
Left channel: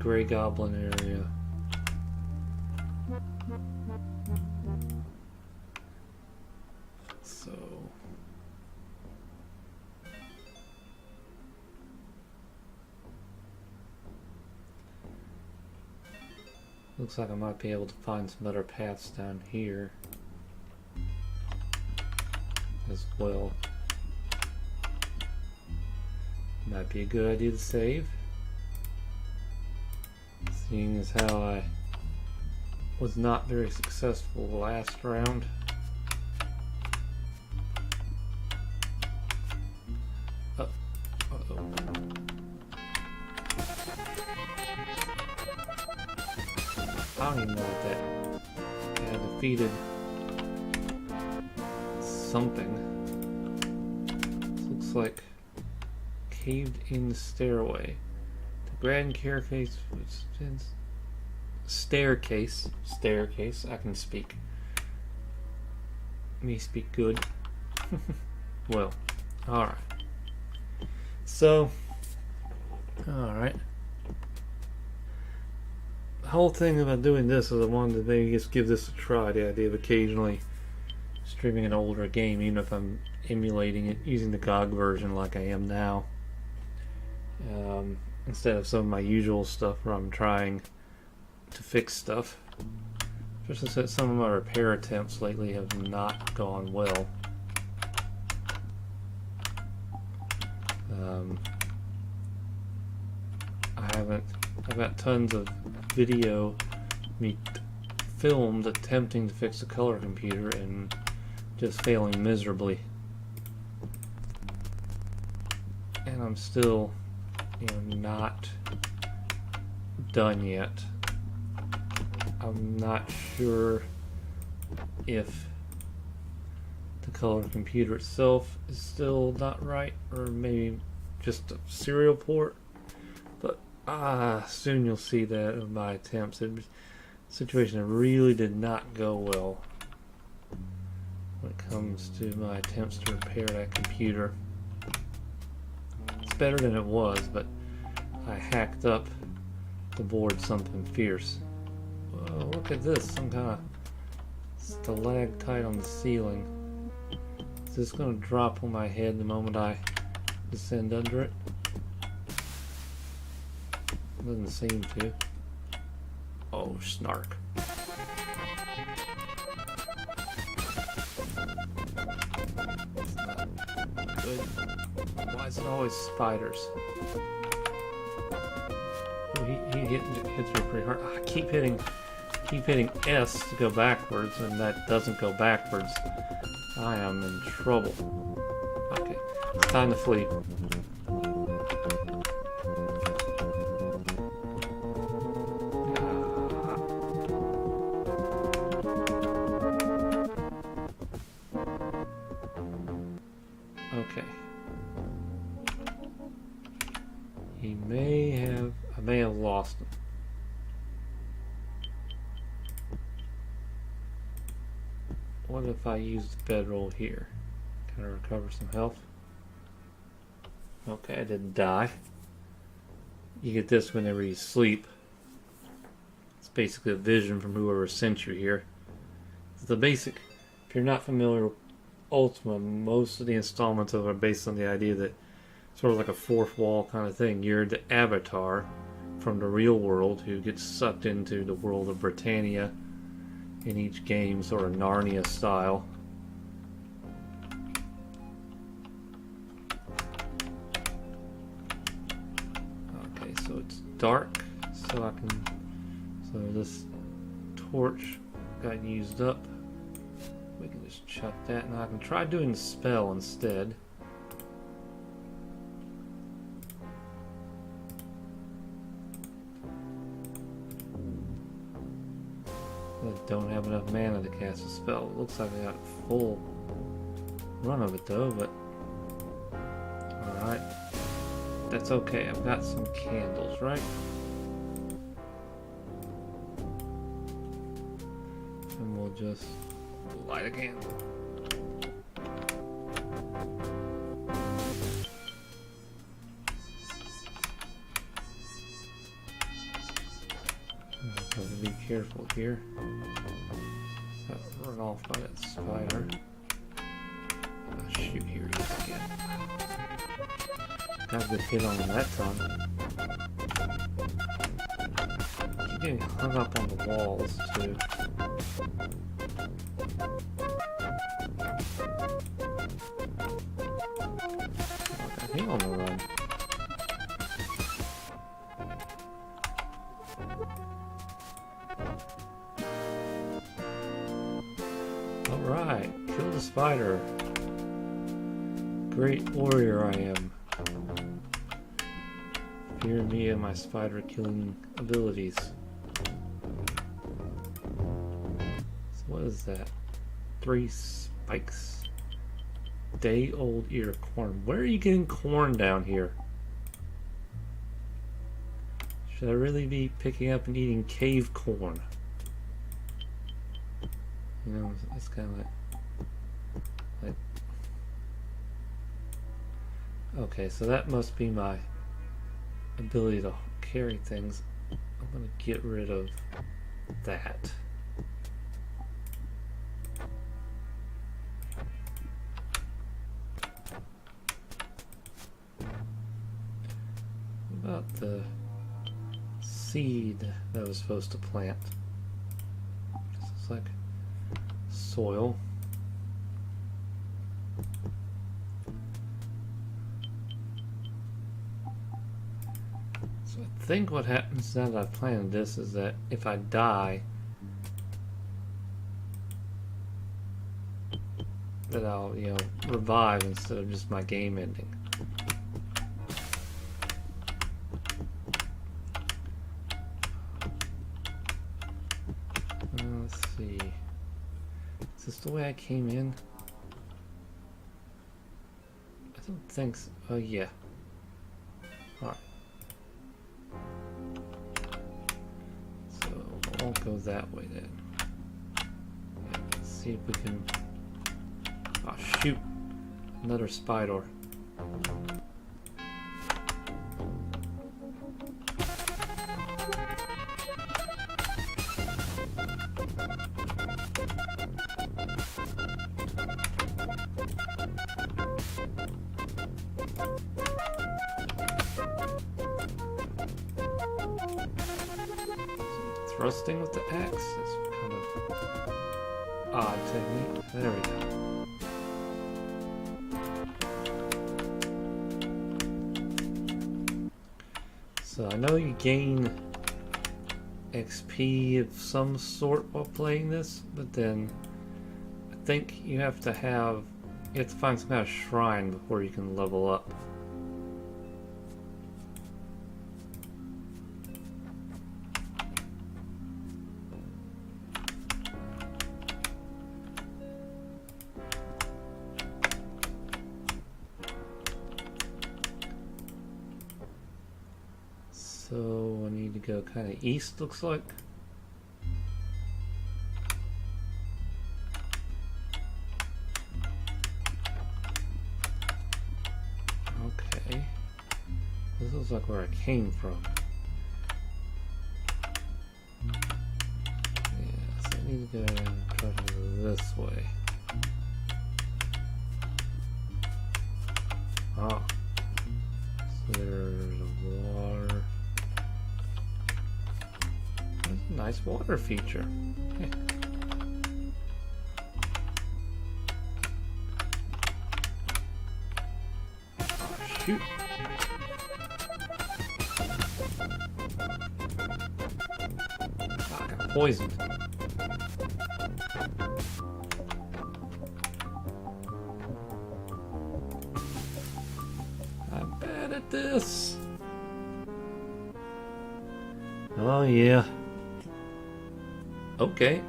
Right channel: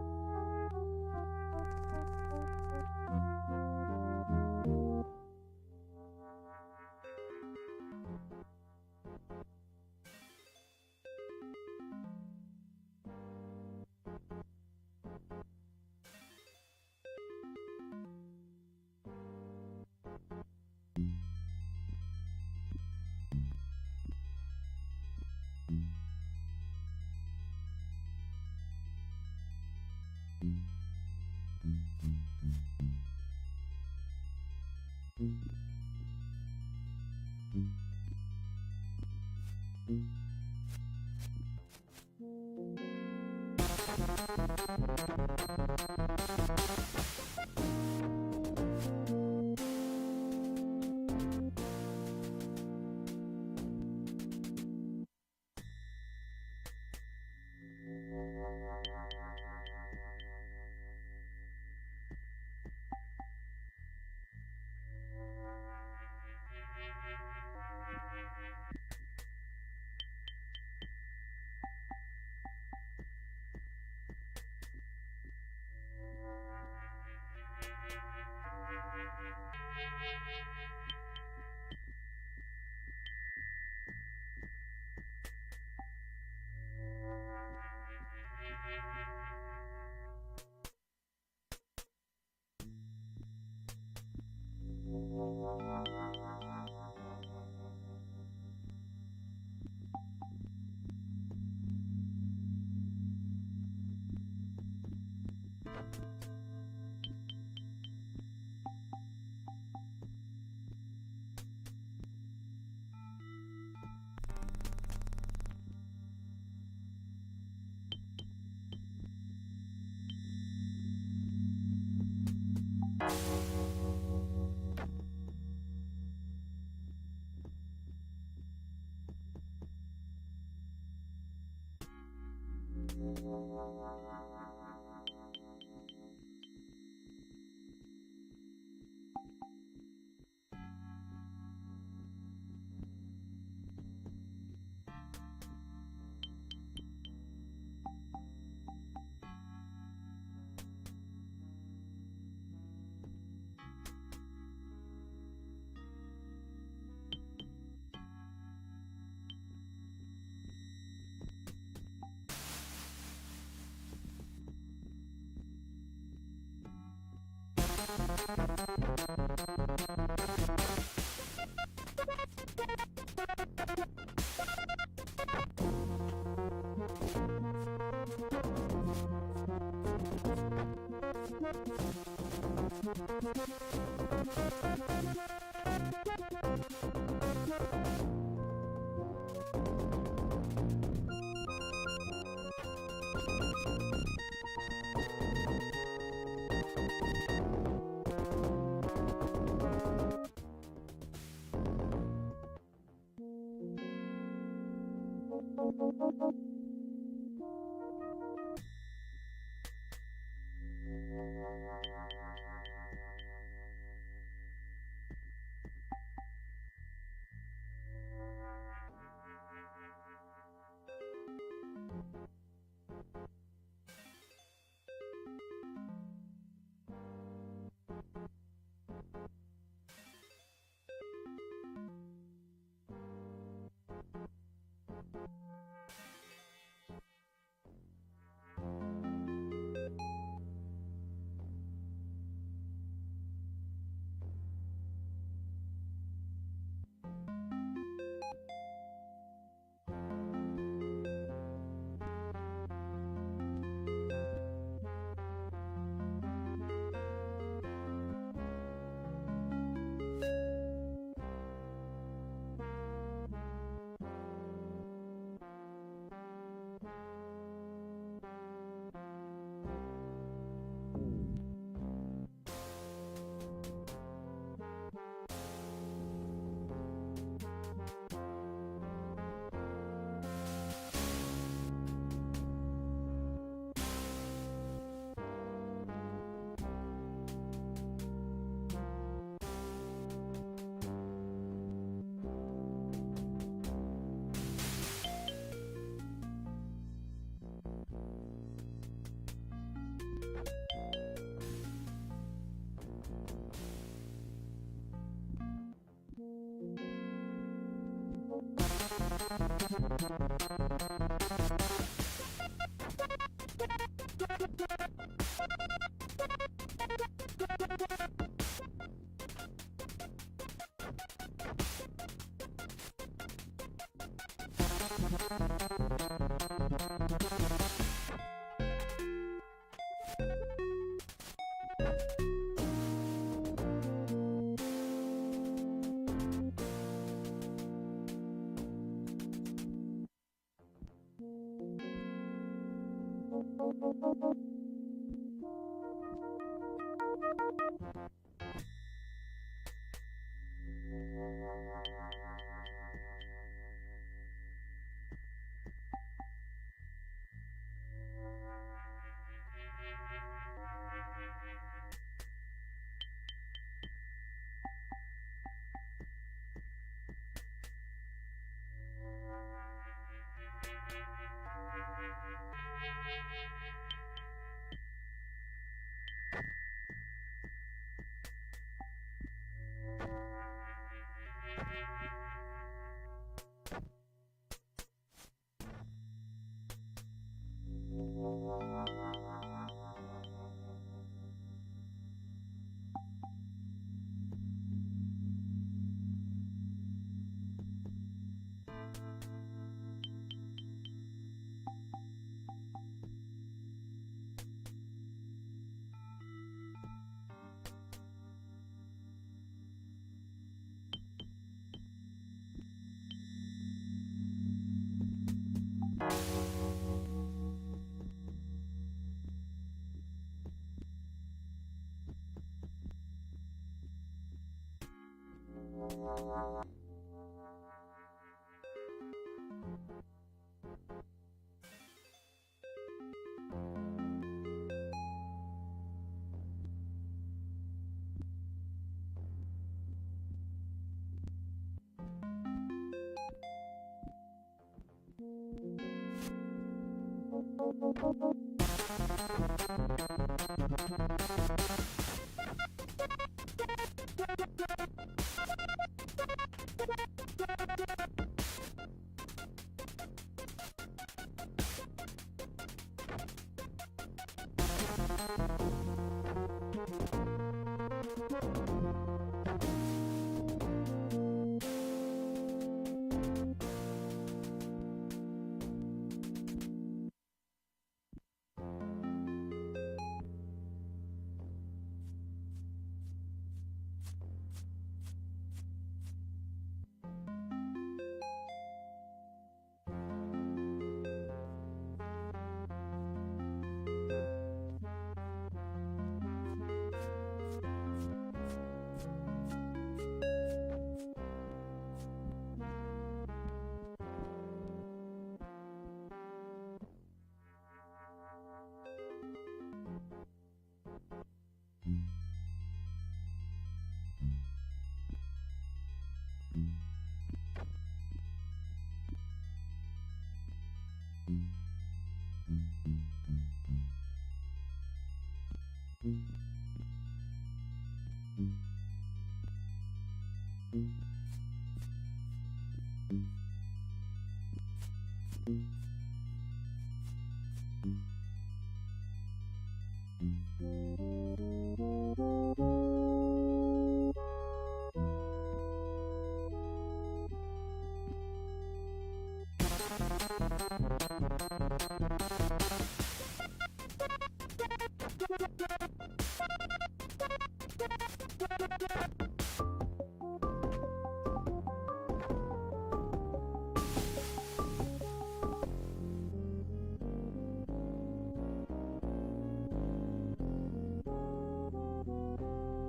Grey Goblin area. So looks like I might be able to find some better paths down here as well. Might be a good idea to save. Seeing as how I was not very successful last round. Uh-oh. I don't even know what that had defeated something. This looks like caved-in stairway. The grand staircase. I can speak. Me speak good. Well, all right. So, all right. The whole thing about doing this is I wanted to maybe just give this a try. The idea of occasionally streaming an older game, even if I'm emulating it using the GOG version like I am now, instead of some of my usual stuff where I'm trying to fix stuff. Just as some of my repair attempts lately have not gone well. I've got tons of video me filmed attempting to fix a color computer and just failing miserably. And I'm still, not done yet. I'm not sure if the color computer itself is still not right, or maybe just a serial port, but soon you'll see that in my attempts. The situation really did not go well when it comes to my attempts to repair that computer. It's better than it was, but I hacked up the board something fierce. Whoa, look at this, some kind of stalactite on the ceiling. Is this going to drop on my head the moment I descend under it? Doesn't seem to. Oh, snark. Good. Why is it always spiders? He hits me pretty hard. I keep hitting S to go backwards, and that doesn't go backwards. I am in trouble. Okay, it's time to flee. I may have lost him. What if I use the bedroll here? Can I recover some health? Okay, I didn't die. You get this whenever you sleep. It's basically a vision from whoever sent you here. It's the basic. If you're not familiar with Ultima, most of the installments of it are based on the idea that sort of like a fourth wall kind of thing. You're the avatar from the real world who gets sucked into the world of Britannia in each game, sort of Narnia style. Okay, so it's dark, so this torch got used up. We can just chuck that. Now I can try doing the spell instead. Don't have enough mana to cast a spell. It looks like I got a full run of it though, but alright. That's okay. I've got some candles, right? And we'll just light a candle. So be careful here. Run off by that spider. Oh, shoot, here he is again. Got a good hit on him that time. Keep getting hung up on the walls too. Hang on the run. Alright, kill the spider. Great warrior I am. Fear me and my spider killing abilities. So what What is that? 3 spikes. Day-old ear of corn. Where are you getting corn down here? Should I really be picking up and eating cave corn? You know, it's kind of like... Okay, so that must be my ability to carry things. I'm gonna get rid of that. About the seed that I was supposed to plant. It's like soil. So I think what happens now that I've planted this is that if I die, that I'll, you know, revive instead of just my game ending. Let's see. Is this the way I came in? I don't think so. Oh yeah. Alright. So I won't go that way then. Let's see if we can... Oh shoot! Another spider. Thrusting with the axe is kind of odd technique. There we go. So I know you gain XP of some sort while playing this, but then I think you have to find some kind of shrine before you can level up. So I need to go kind of east, looks like. Okay. This looks like where I came from. Yeah, so I need to go and travel this way. Oh. So there's water. That's a nice water feature. Okay. Shoot. Poisoned. I'm bad at this. Oh yeah. Okay.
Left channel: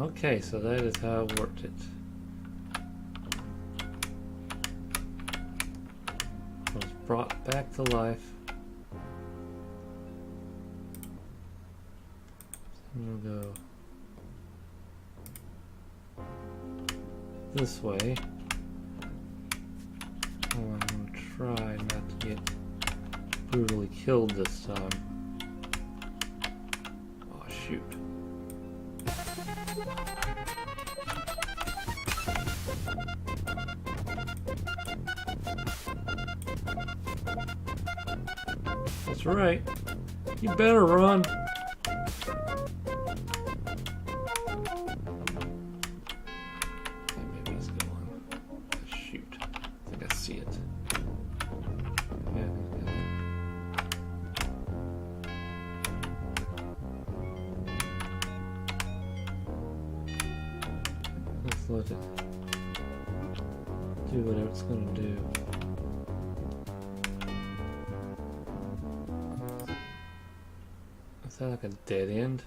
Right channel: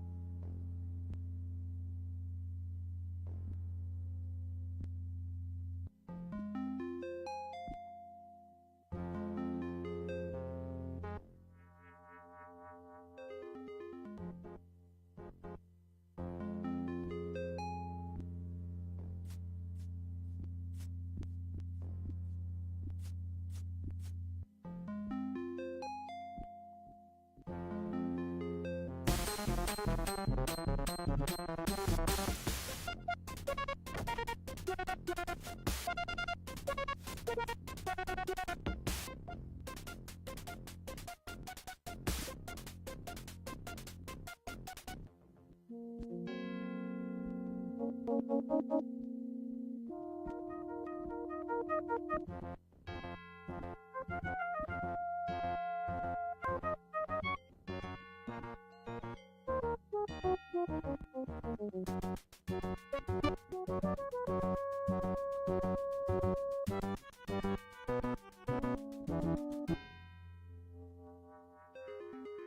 Okay, so that is how I worked it. I was brought back to life. I'm gonna go this way. Oh, I'm gonna try not to get brutally killed this time. Oh shoot. That's right. You better run. Maybe he's going. Oh, shoot. I think I see it. Yeah. Let's let it do whatever it's gonna do. that like a dead end?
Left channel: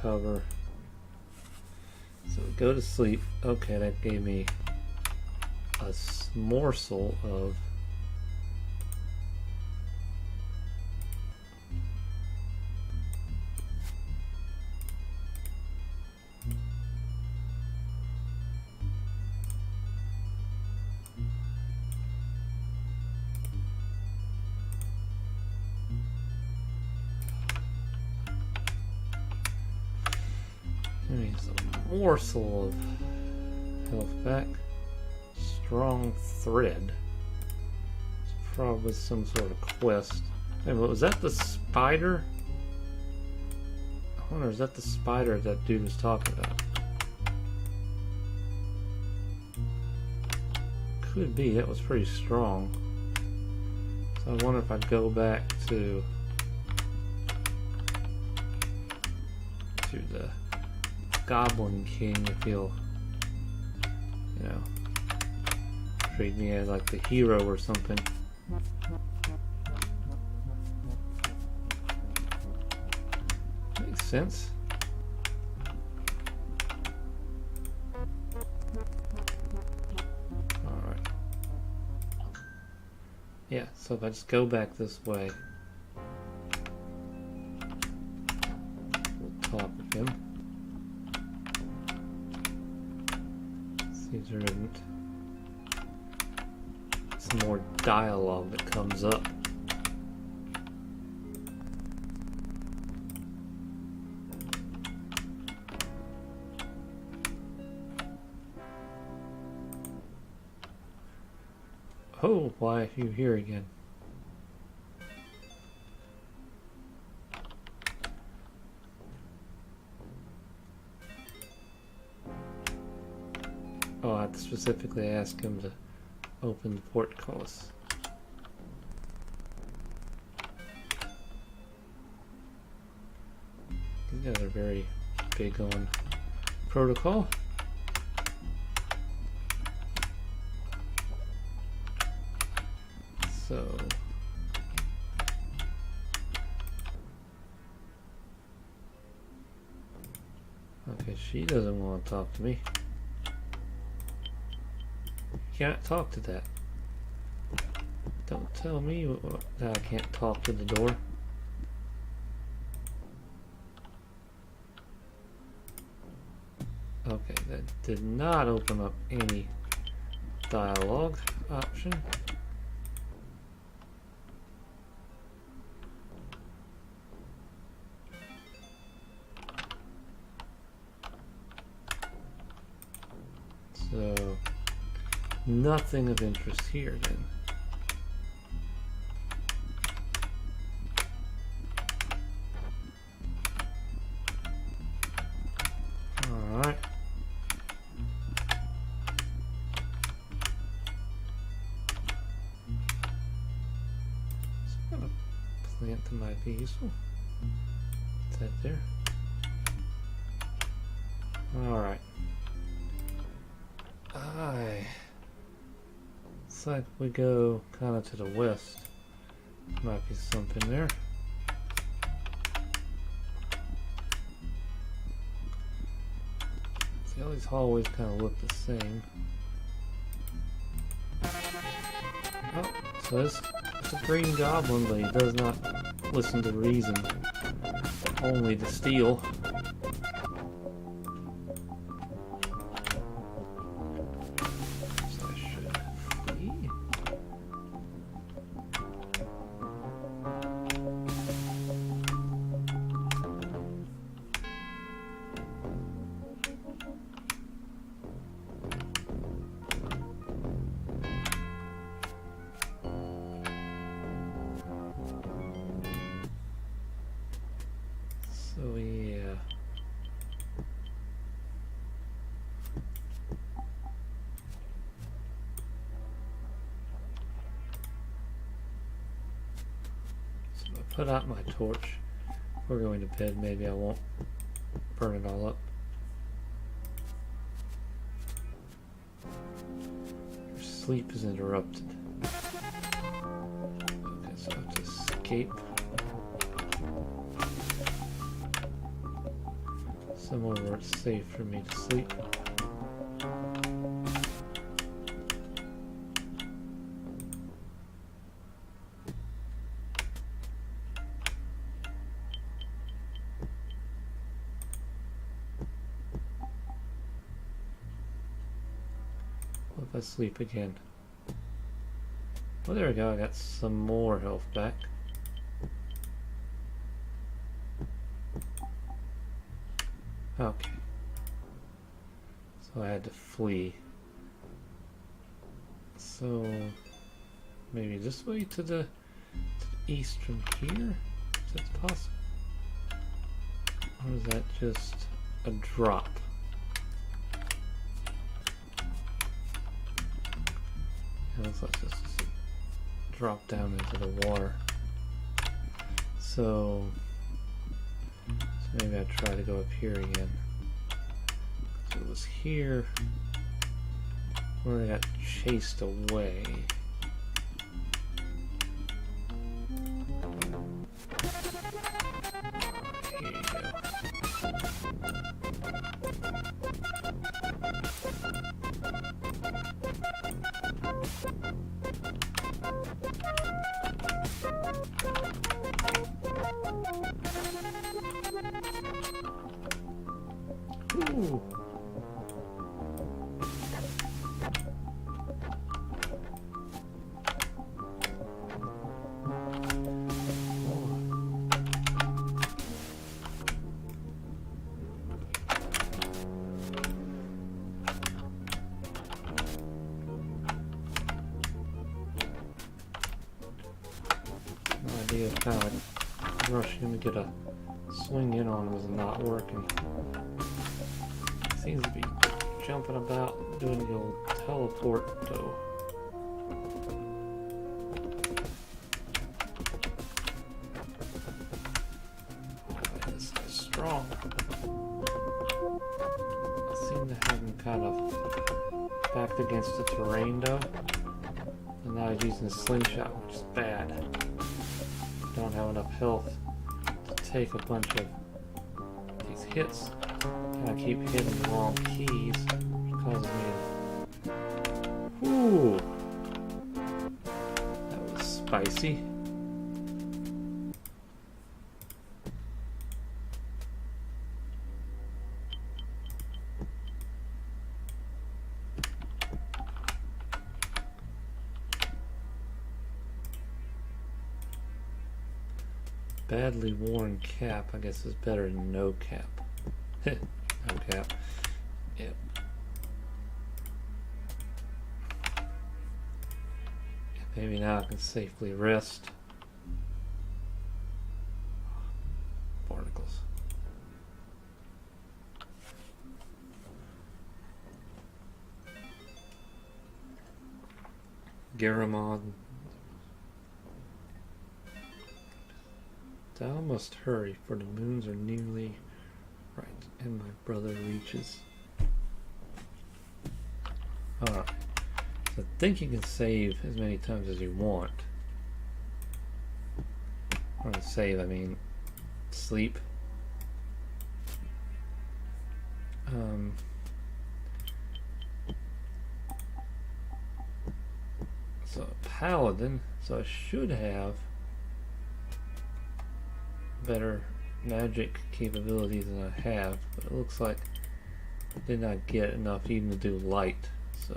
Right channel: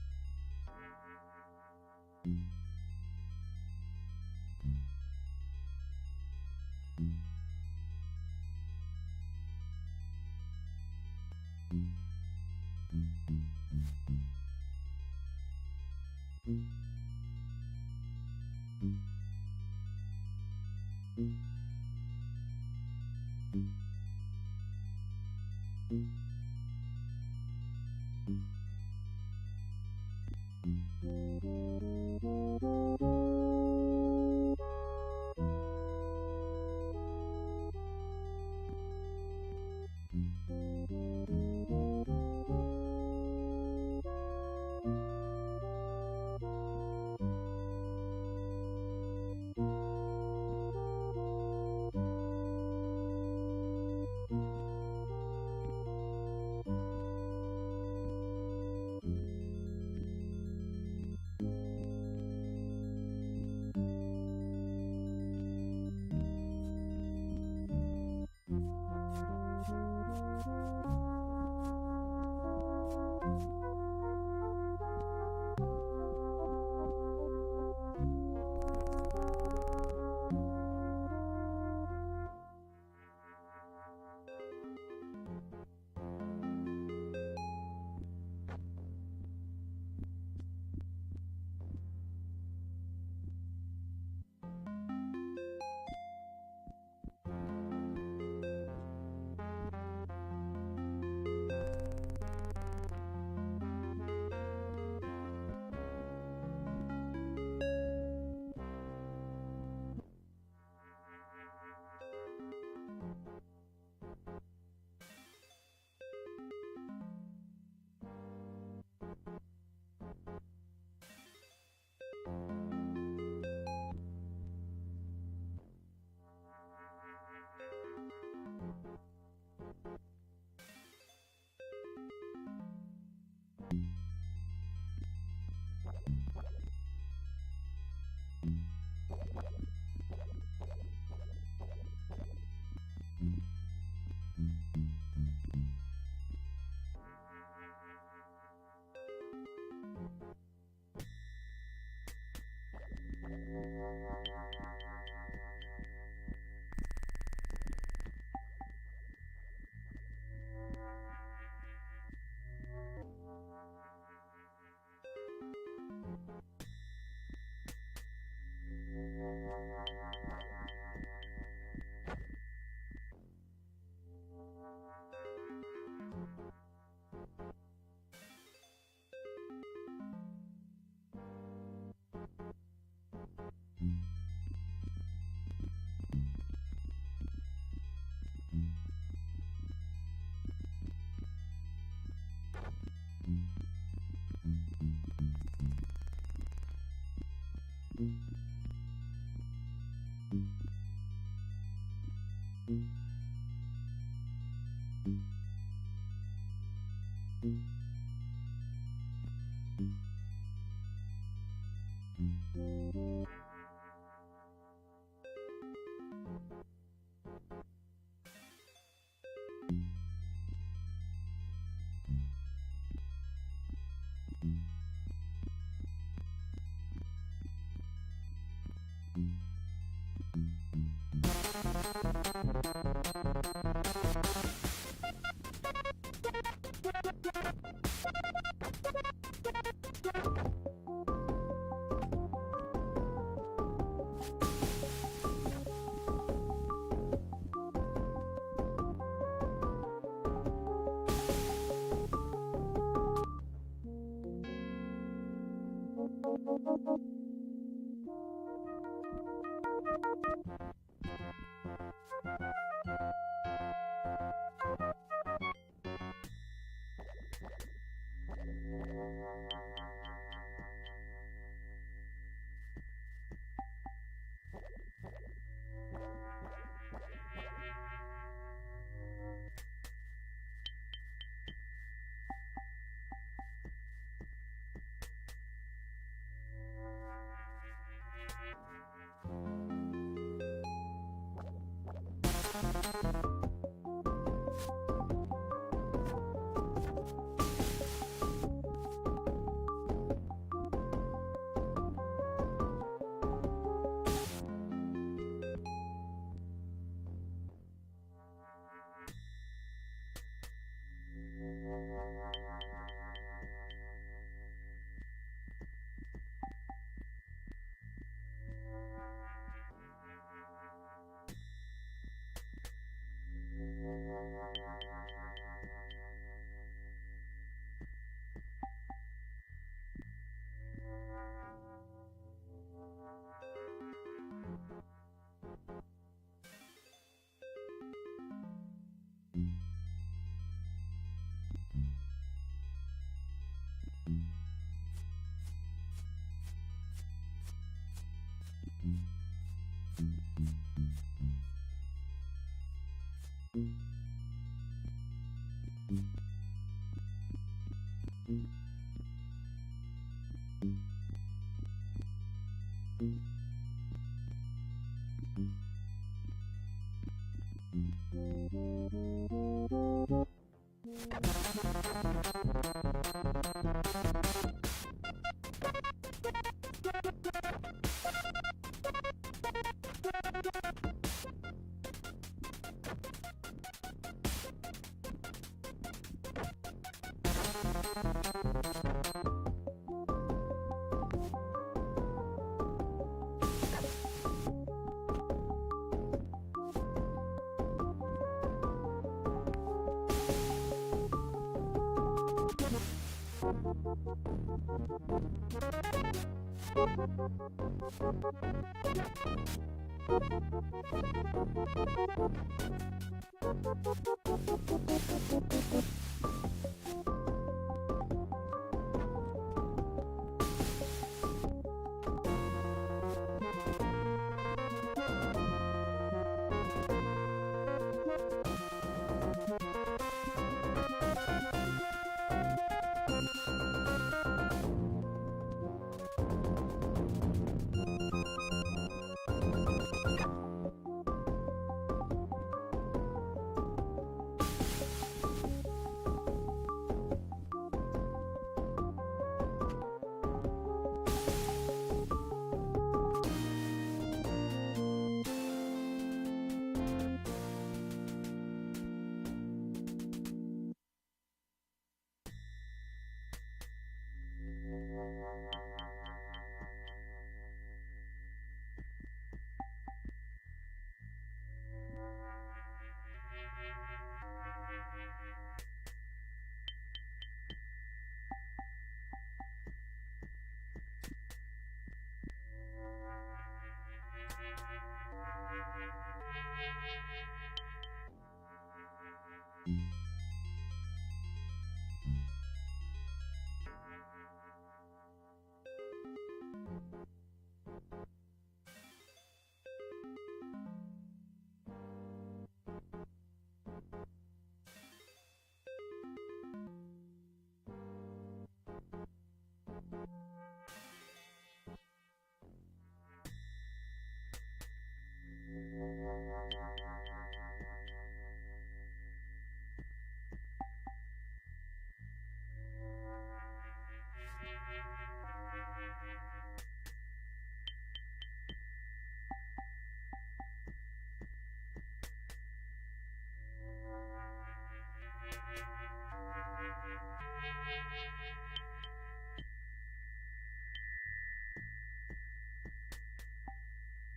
Recover. So go to sleep. Okay, that gave me a morsel of morsel of health back. Strong thread. It's probably some sort of quest. Hey, was that the spider? I wonder, is that the spider that dude was talking about? Could be. That was pretty strong. So I wonder if I go back to the Goblin King, if he'll, you know, treat me as like the hero or something. Makes sense. Alright. Yeah, so if I just go back this way, we'll talk with him. See if there isn't some more dialogue that comes up. Oh, why are you here again? Oh, I have to specifically ask him to open the portcullis. These guys are very big on protocol. So okay, she doesn't want to talk to me. Can't talk to that. Don't tell me that I can't talk to the door. Okay, that did not open up any dialogue option. So nothing of interest here then. Alright. So a plant that might be useful. Is that there? Alright. Looks like we go kind of to the west. Might be something there. See, all these hallways kind of look the same. Oh, so this is a green goblin, but he does not listen to reason, only to steal. So yeah. So if I put out my torch before going to bed, maybe I won't burn it all up. Your sleep is interrupted. Okay, so I have to escape. Somewhere where it's safe for me to sleep. What if I sleep again? Oh, there we go. I got some more health back. Okay. So I had to flee. So maybe this way to the east from here? Is that possible? Or is that just a drop? It looks like this is a drop down into the water. So maybe I try to go up here again. So it was here where I got chased away. Ooh. Idea of kind of rushing to get a swing in on was not working. Seems to be jumping about, doing the teleport though. It's strong. I seem to have him kind of backed against the terrain though. And now he's using a slingshot, which is bad. I don't have enough health to take a bunch of these hits. I keep hitting the wrong keys, causing me. Ooh, that was spicy. Badly worn cap, I guess, is better than no cap. No cap. Yep. Maybe now I can safely rest. Barnacles. Garamond. Thou must hurry, for the moons are nearly right, and my brother reaches. Alright. So I think you can save as many times as you want. Or to save, I mean sleep. So paladin, so I should have better magic capabilities than I have, but it looks like I did not get enough even to do light, so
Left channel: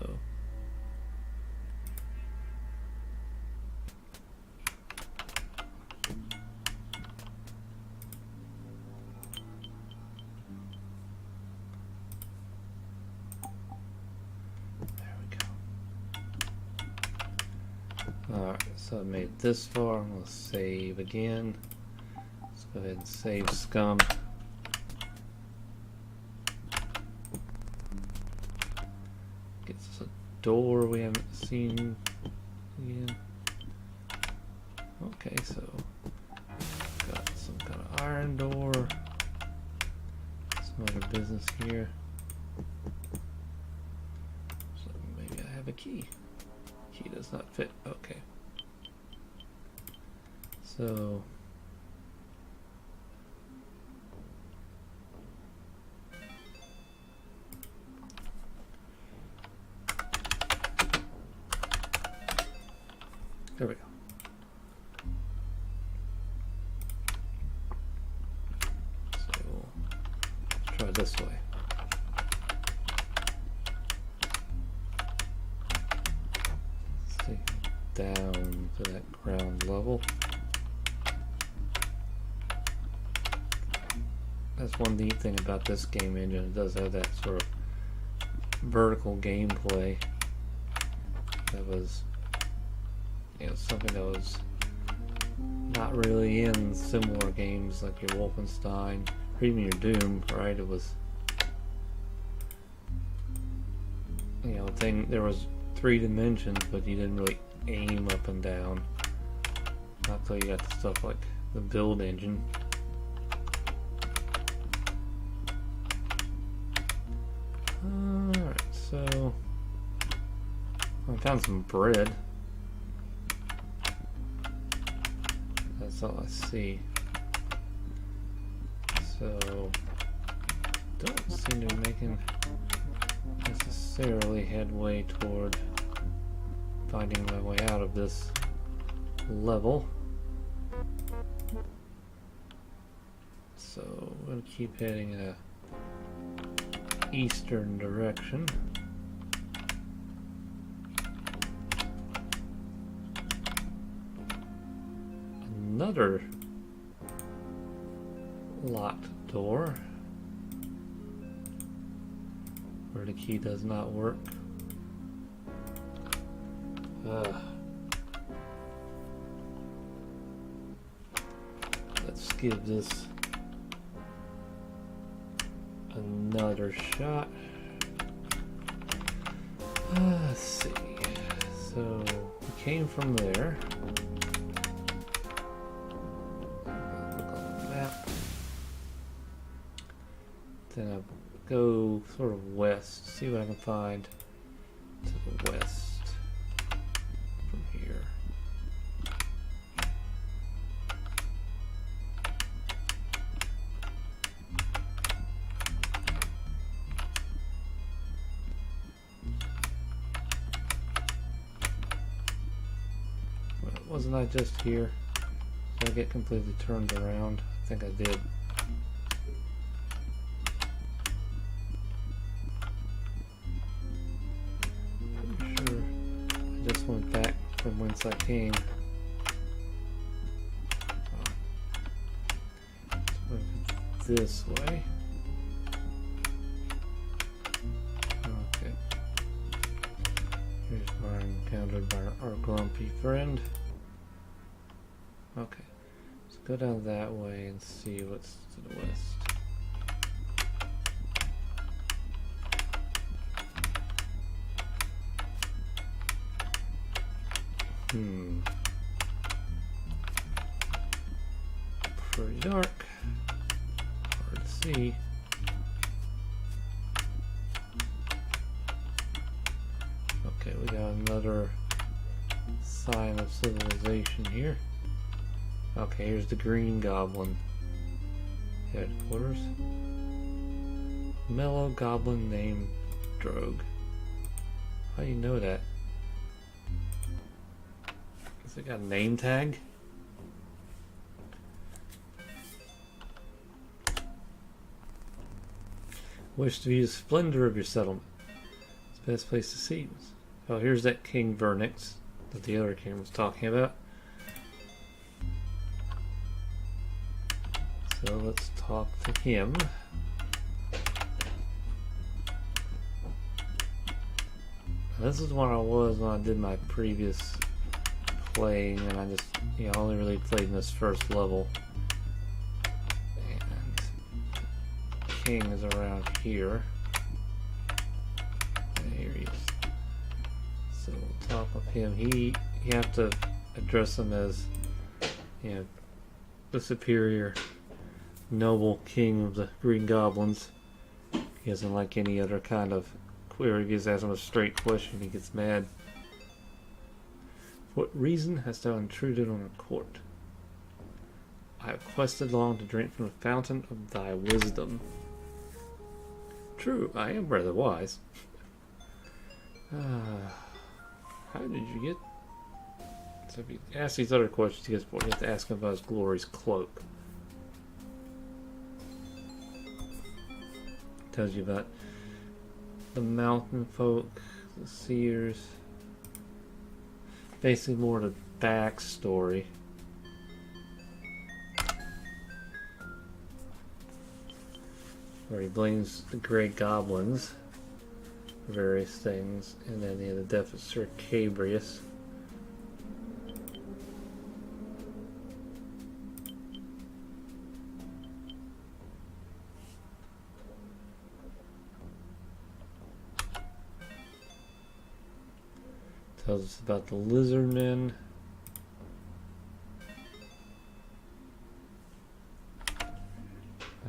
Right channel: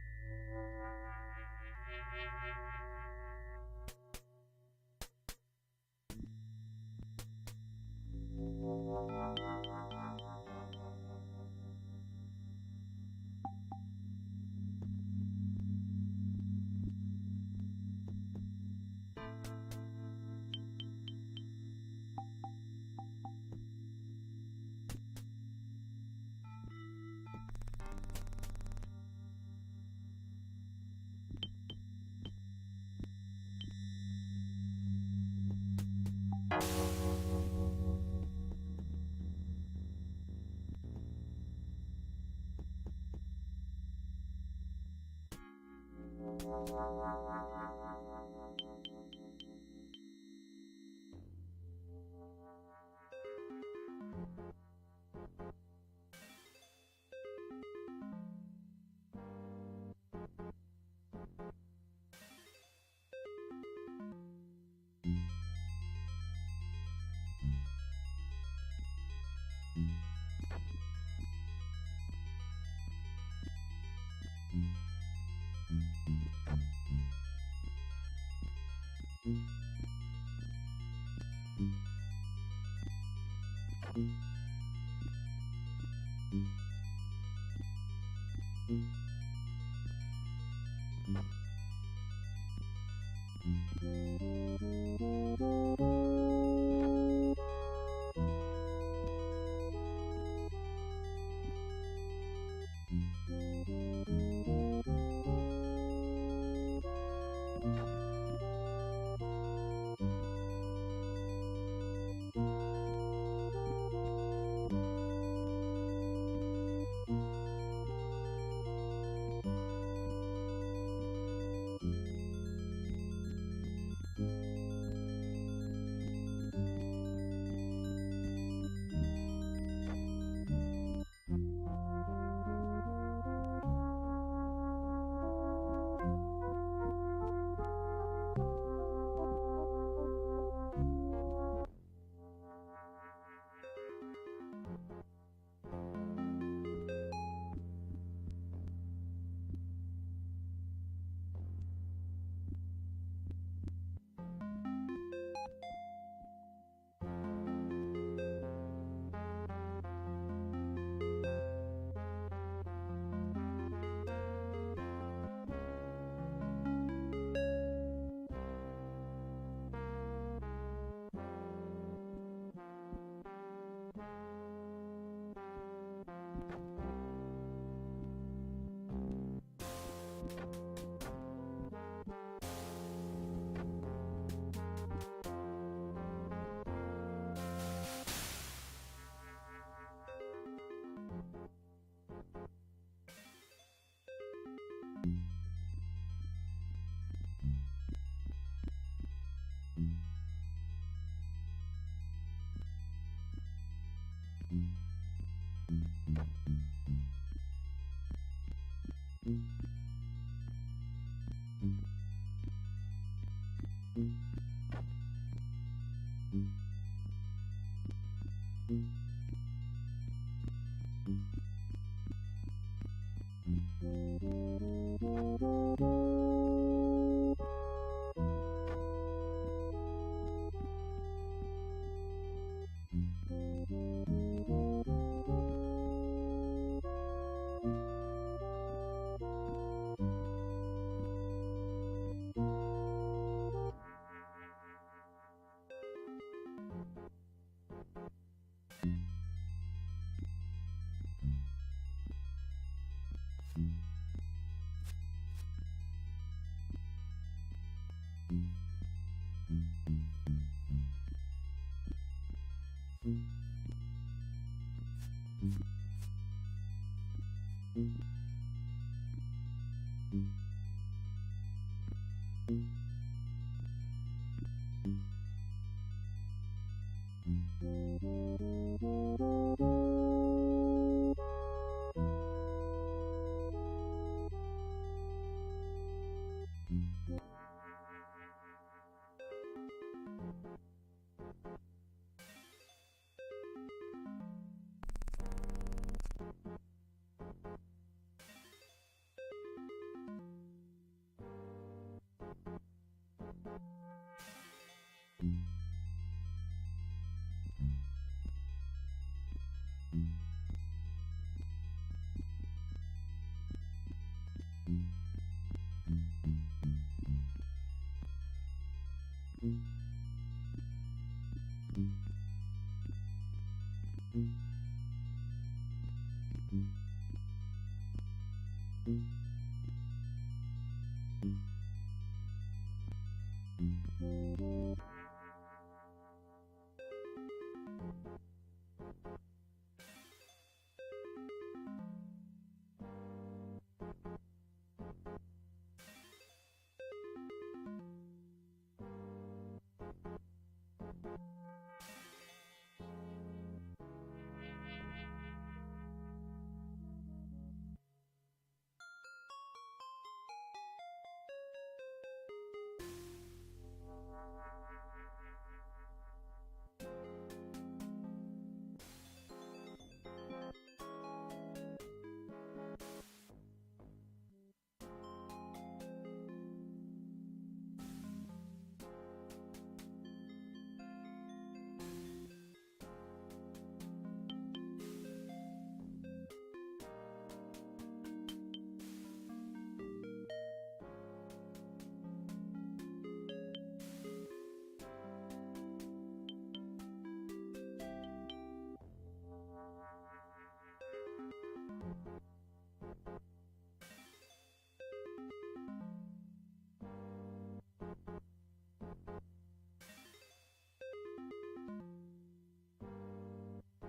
So I made this far. I'm going to save again. Let's go ahead and save scum. Gets us a door we haven't seen yet. Okay, so got some kind of iron door. Some other business here. So maybe I have a key. Key does not fit. Okay. So there we go. So let's try this way. Let's take down to that ground level. That's one neat thing about this game engine. It does have that sort of vertical gameplay. That was, you know, something that was not really in similar games like your Wolfenstein or even your Doom, right? It was, you know, there was 3 dimensions, but you didn't really aim up and down. Not until you got stuff like the build engine. Found some bread. That's all I see. So don't seem to be making necessarily headway toward finding my way out of this level. So we'll keep heading in a eastern direction. Another locked door where the key does not work. Let's give this another shot. Let's see. So we came from there. Then I'll go sort of west, see what I can find to the west from here. Well, wasn't I just here? Did I get completely turned around? I think I did. I came. This way. Okay. Here's where I'm encountered by our grumpy friend. Okay. Let's go down that way and see what's to the west. Pretty dark. Hard to see. Okay, we got another sign of civilization here. Okay, here's the Green Goblin headquarters. Mellow Goblin named Drogue. How do you know that? Has it got a name tag? Wish to view the splendor of your settlement. It's the best place to see. Oh, here's that King Vernix that the other king was talking about. So let's talk to him. This is where I was when I did my previous playing, and I just, I only really played in this first level. And King is around here. And here he is. So on top of him, you have to address him as, the superior noble king of the Green Goblins. He doesn't like any other kind of query. He just asks him a straight question. He gets mad. For what reason hast thou intruded on the court? I have quested long to drink from the fountain of thy wisdom. True, I am rather wise. How did you get? So if you ask these other questions, you have to ask him about his glorious cloak. Tells you about the mountain folk, the seers. Basically more the backstory. Where he blames the Great Goblins for various things, and then the death of Sir Cabrius. Tells us about the lizardmen.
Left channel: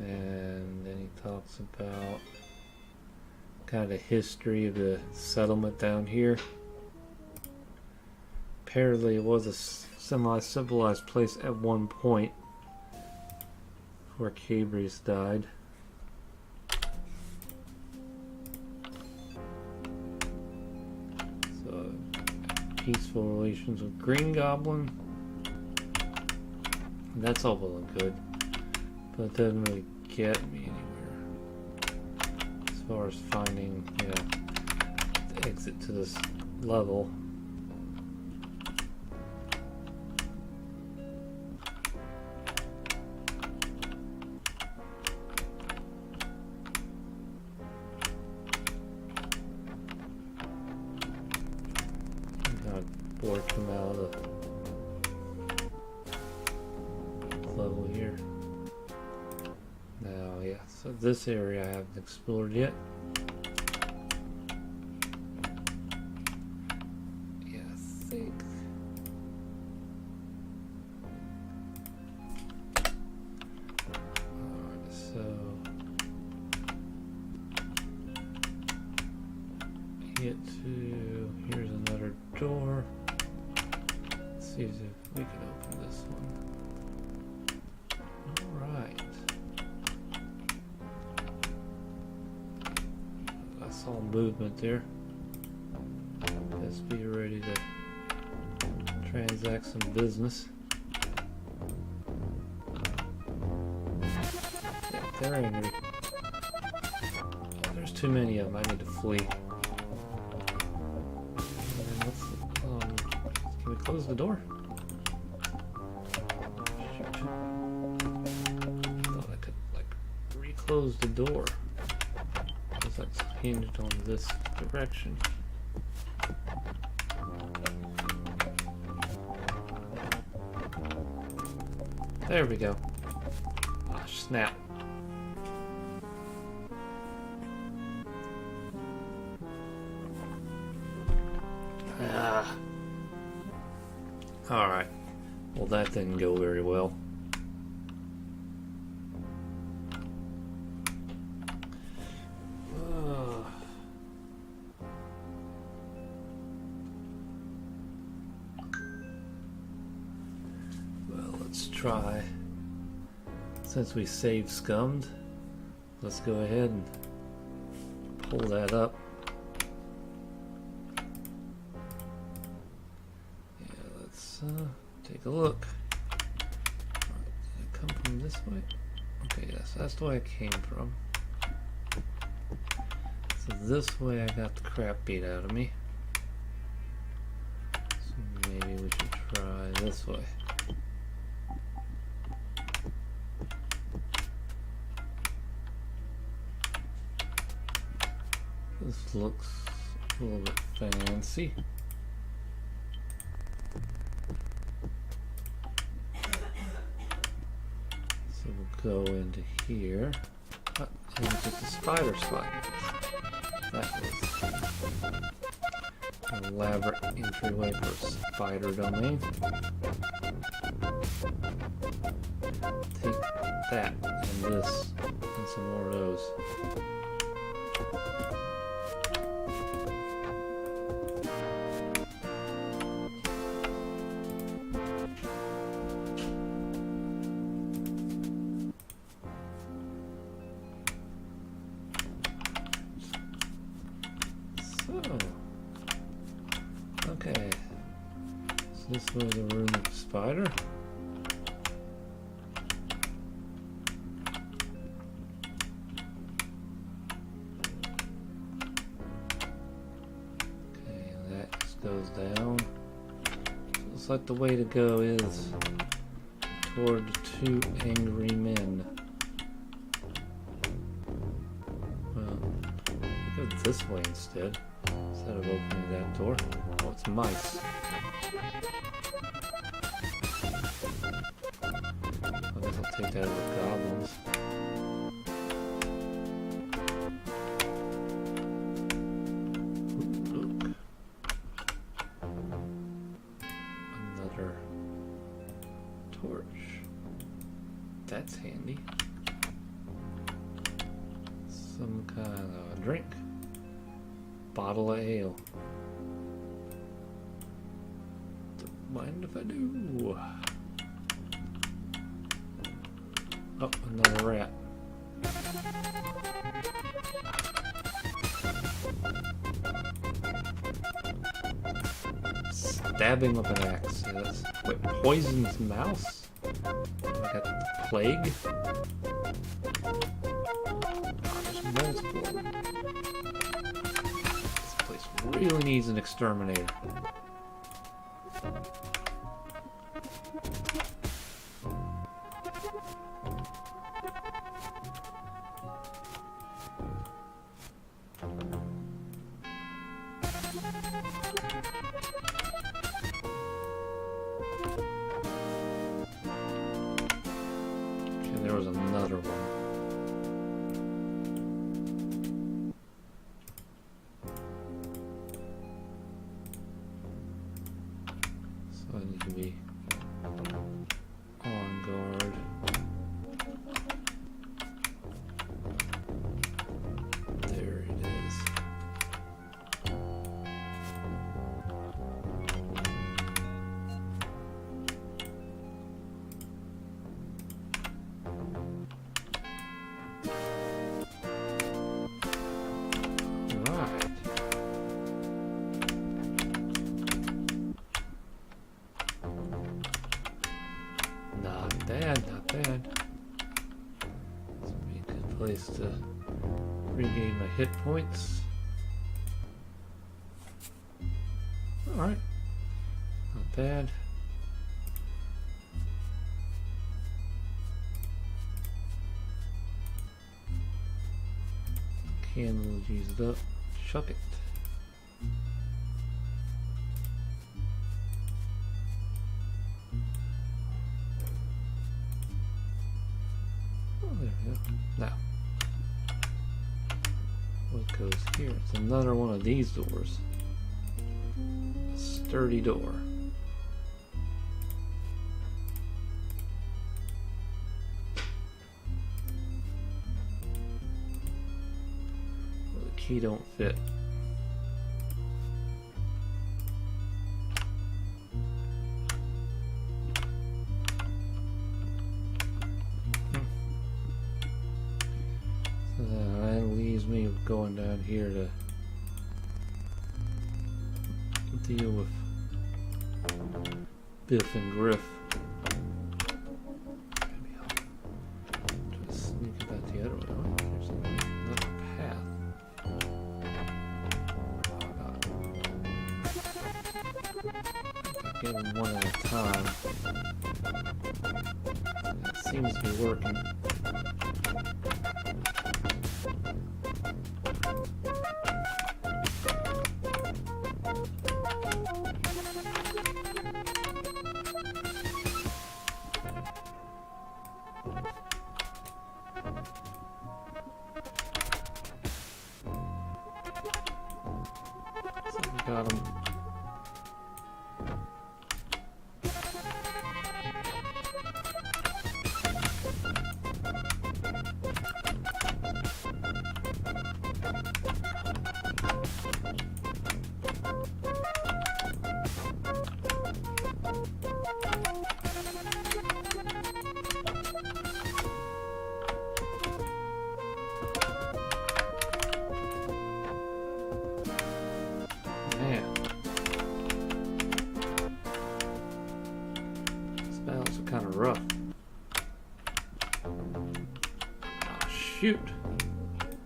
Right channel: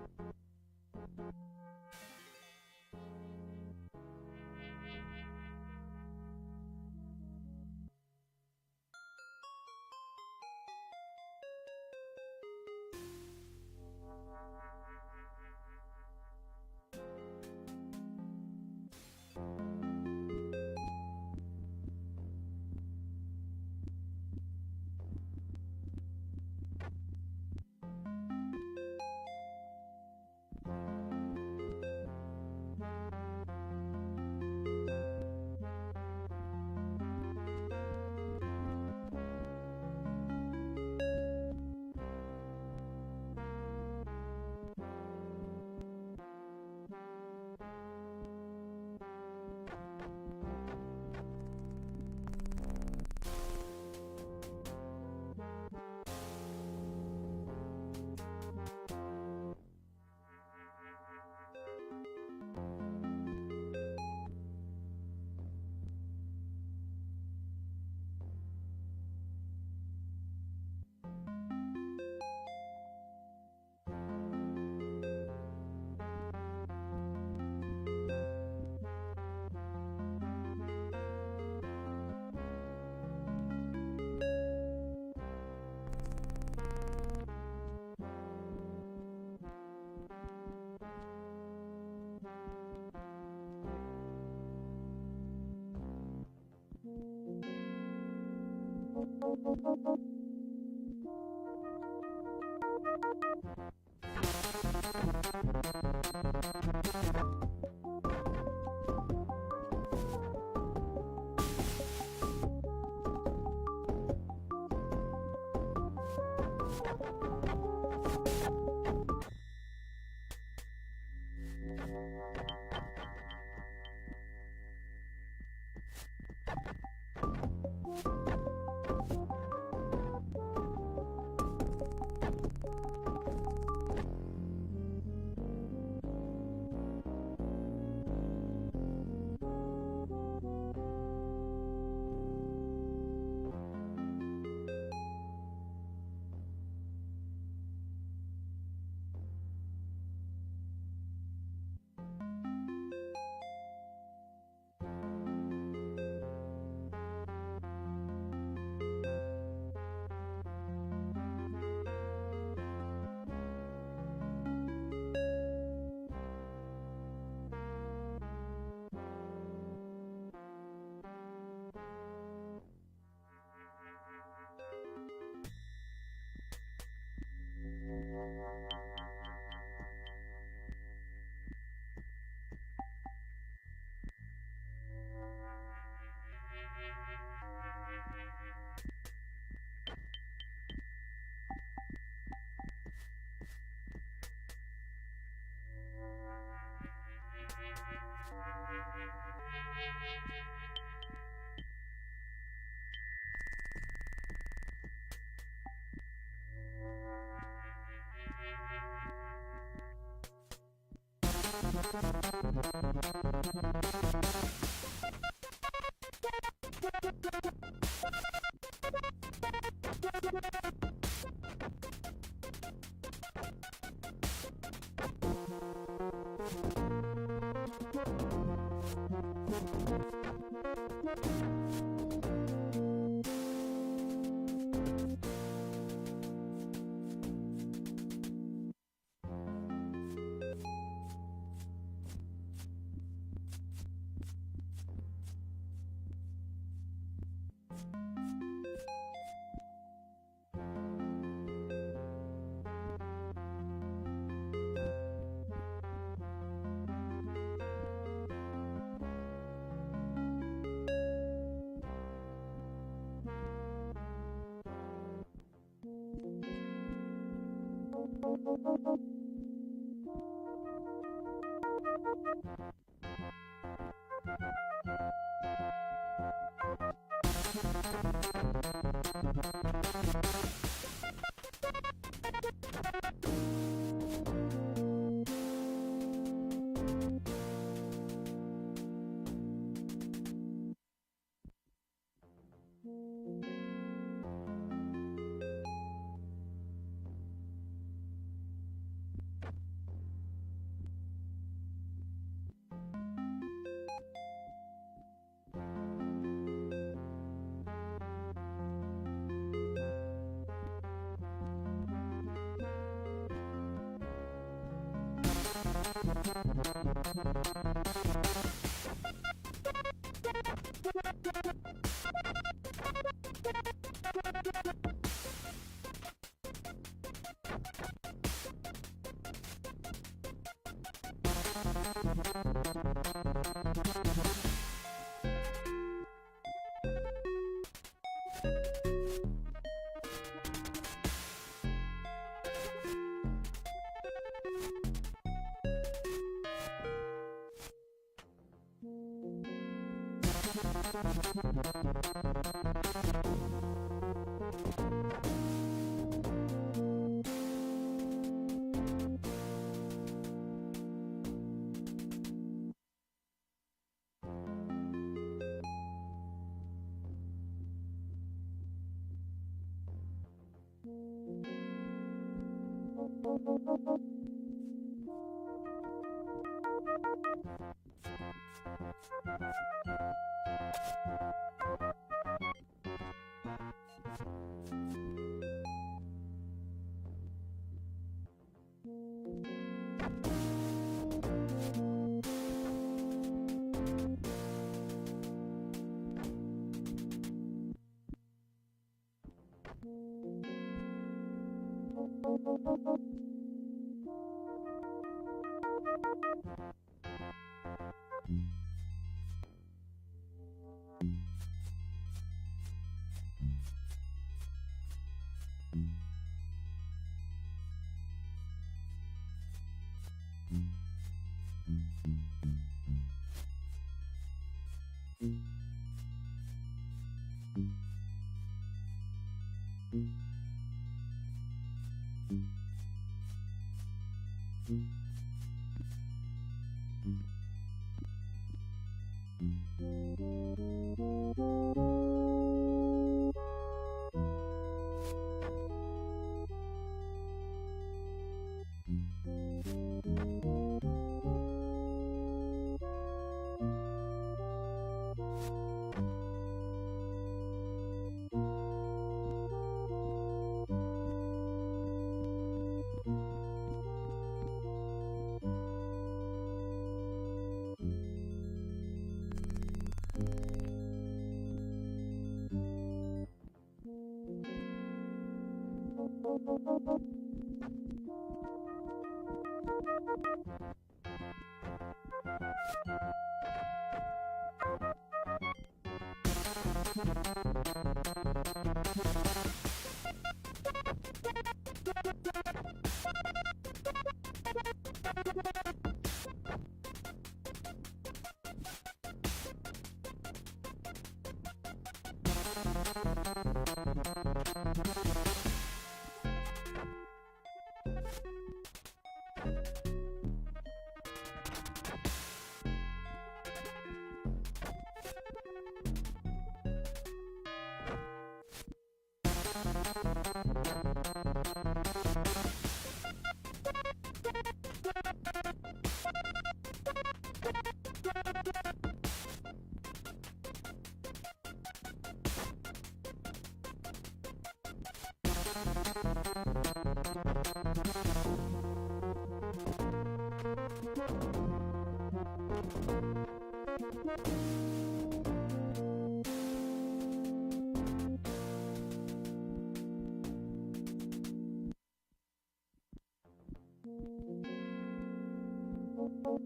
And then he talks about kind of the history of the settlement down here. Apparently it was a semi-civilized place at one point before Cabrius died. Peaceful relations with Green Goblin. And that's all well and good, but it doesn't really get me anywhere as far as finding, the exit to this level. Come out of the level here. Now, so this area I haven't explored yet. Yeah, I think. So get to, here's another door. See if we can open this one. Alright. I saw movement there. Let's be ready to transact some business. There ain't any. Oh, there's too many of them. I need to flee. Close the door. Thought I could reclose the door because that's hinged on this direction. There we go. Oh, snap. Alright. Well, that didn't go very well. Well, let's try. Since we saved Scummed, let's go ahead and pull that up. Take a look. Did it come from this way? Okay, yes, that's the way I came from. So this way I got the crap beat out of me. So maybe we should try this way. This looks a little bit fancy. go into here. And it's the spider spot. Elaborate entryway for spider domain. Take that and this and some more of those. Okay, so this was the room of the spider. Okay, that just goes down. So looks like the way to go is toward the two angry men. Well, go this way instead of opening that door. Oh, it's mice. I'm gonna take that with goblins. Ooh, look. Another torch. That's handy. Some kind of a drink. Bottle of ale. Don't mind if I do. Oh, another rat. Stab him with an axe. Yes. Wait, poisoned mouse? I got the plague? There's multiple. Really needs an exterminator. And there was another one. There it is. Right. Not bad, not bad. This would be a good place to regain my hit points. Alright. Not bad. Candle used up. Chuck it. Oh, there we go. Now. What goes here? It's another one of these doors. A sturdy door. The key don't fit. Going down here to deal with Biff and Griff. Maybe I'll just sneak about the other one. There's another path. Get them one at a time. It seems to be working. got him. Kind of rough. Oh, shoot. Come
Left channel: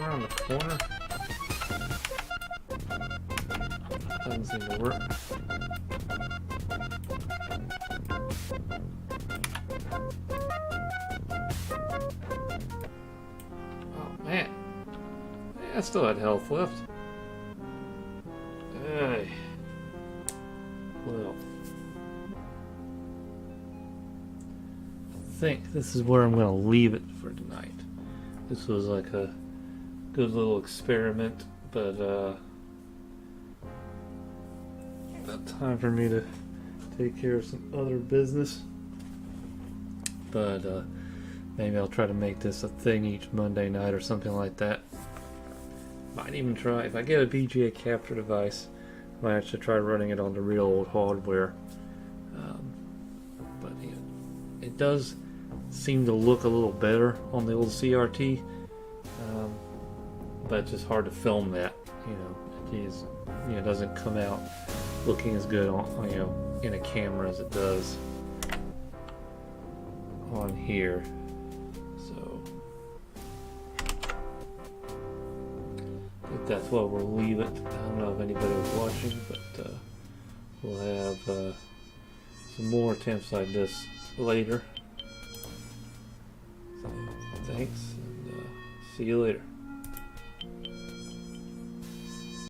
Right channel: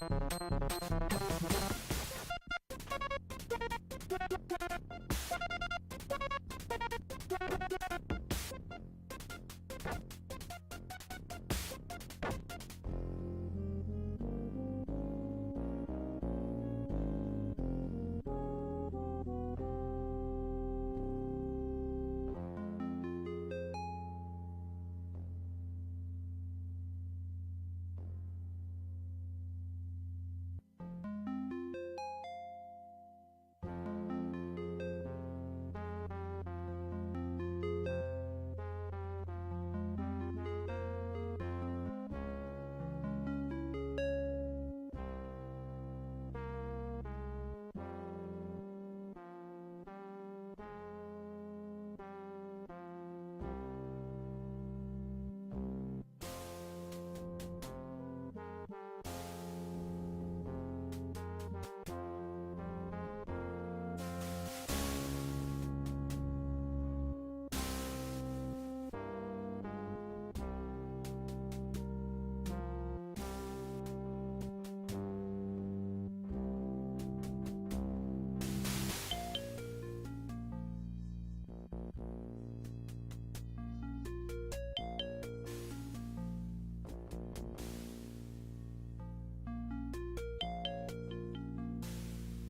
around the corner. Doesn't seem to work. Oh man. Yeah, I still had health left. Hey. I think this is where I'm going to leave it for tonight. This was like a good little experiment, but about time for me to take care of some other business. But maybe I'll try to make this a thing each Monday night or something like that. Might even try, if I get a VGA capture device, might actually try running it on the real old hardware. But yeah, it does seem to look a little better on the old CRT, but it's just hard to film that. It doesn't come out looking as good on in a camera as it does on here. So I think that's why we'll leave it. I don't know if anybody was watching, but we'll have some more attempts like this later. Thanks, and see you later.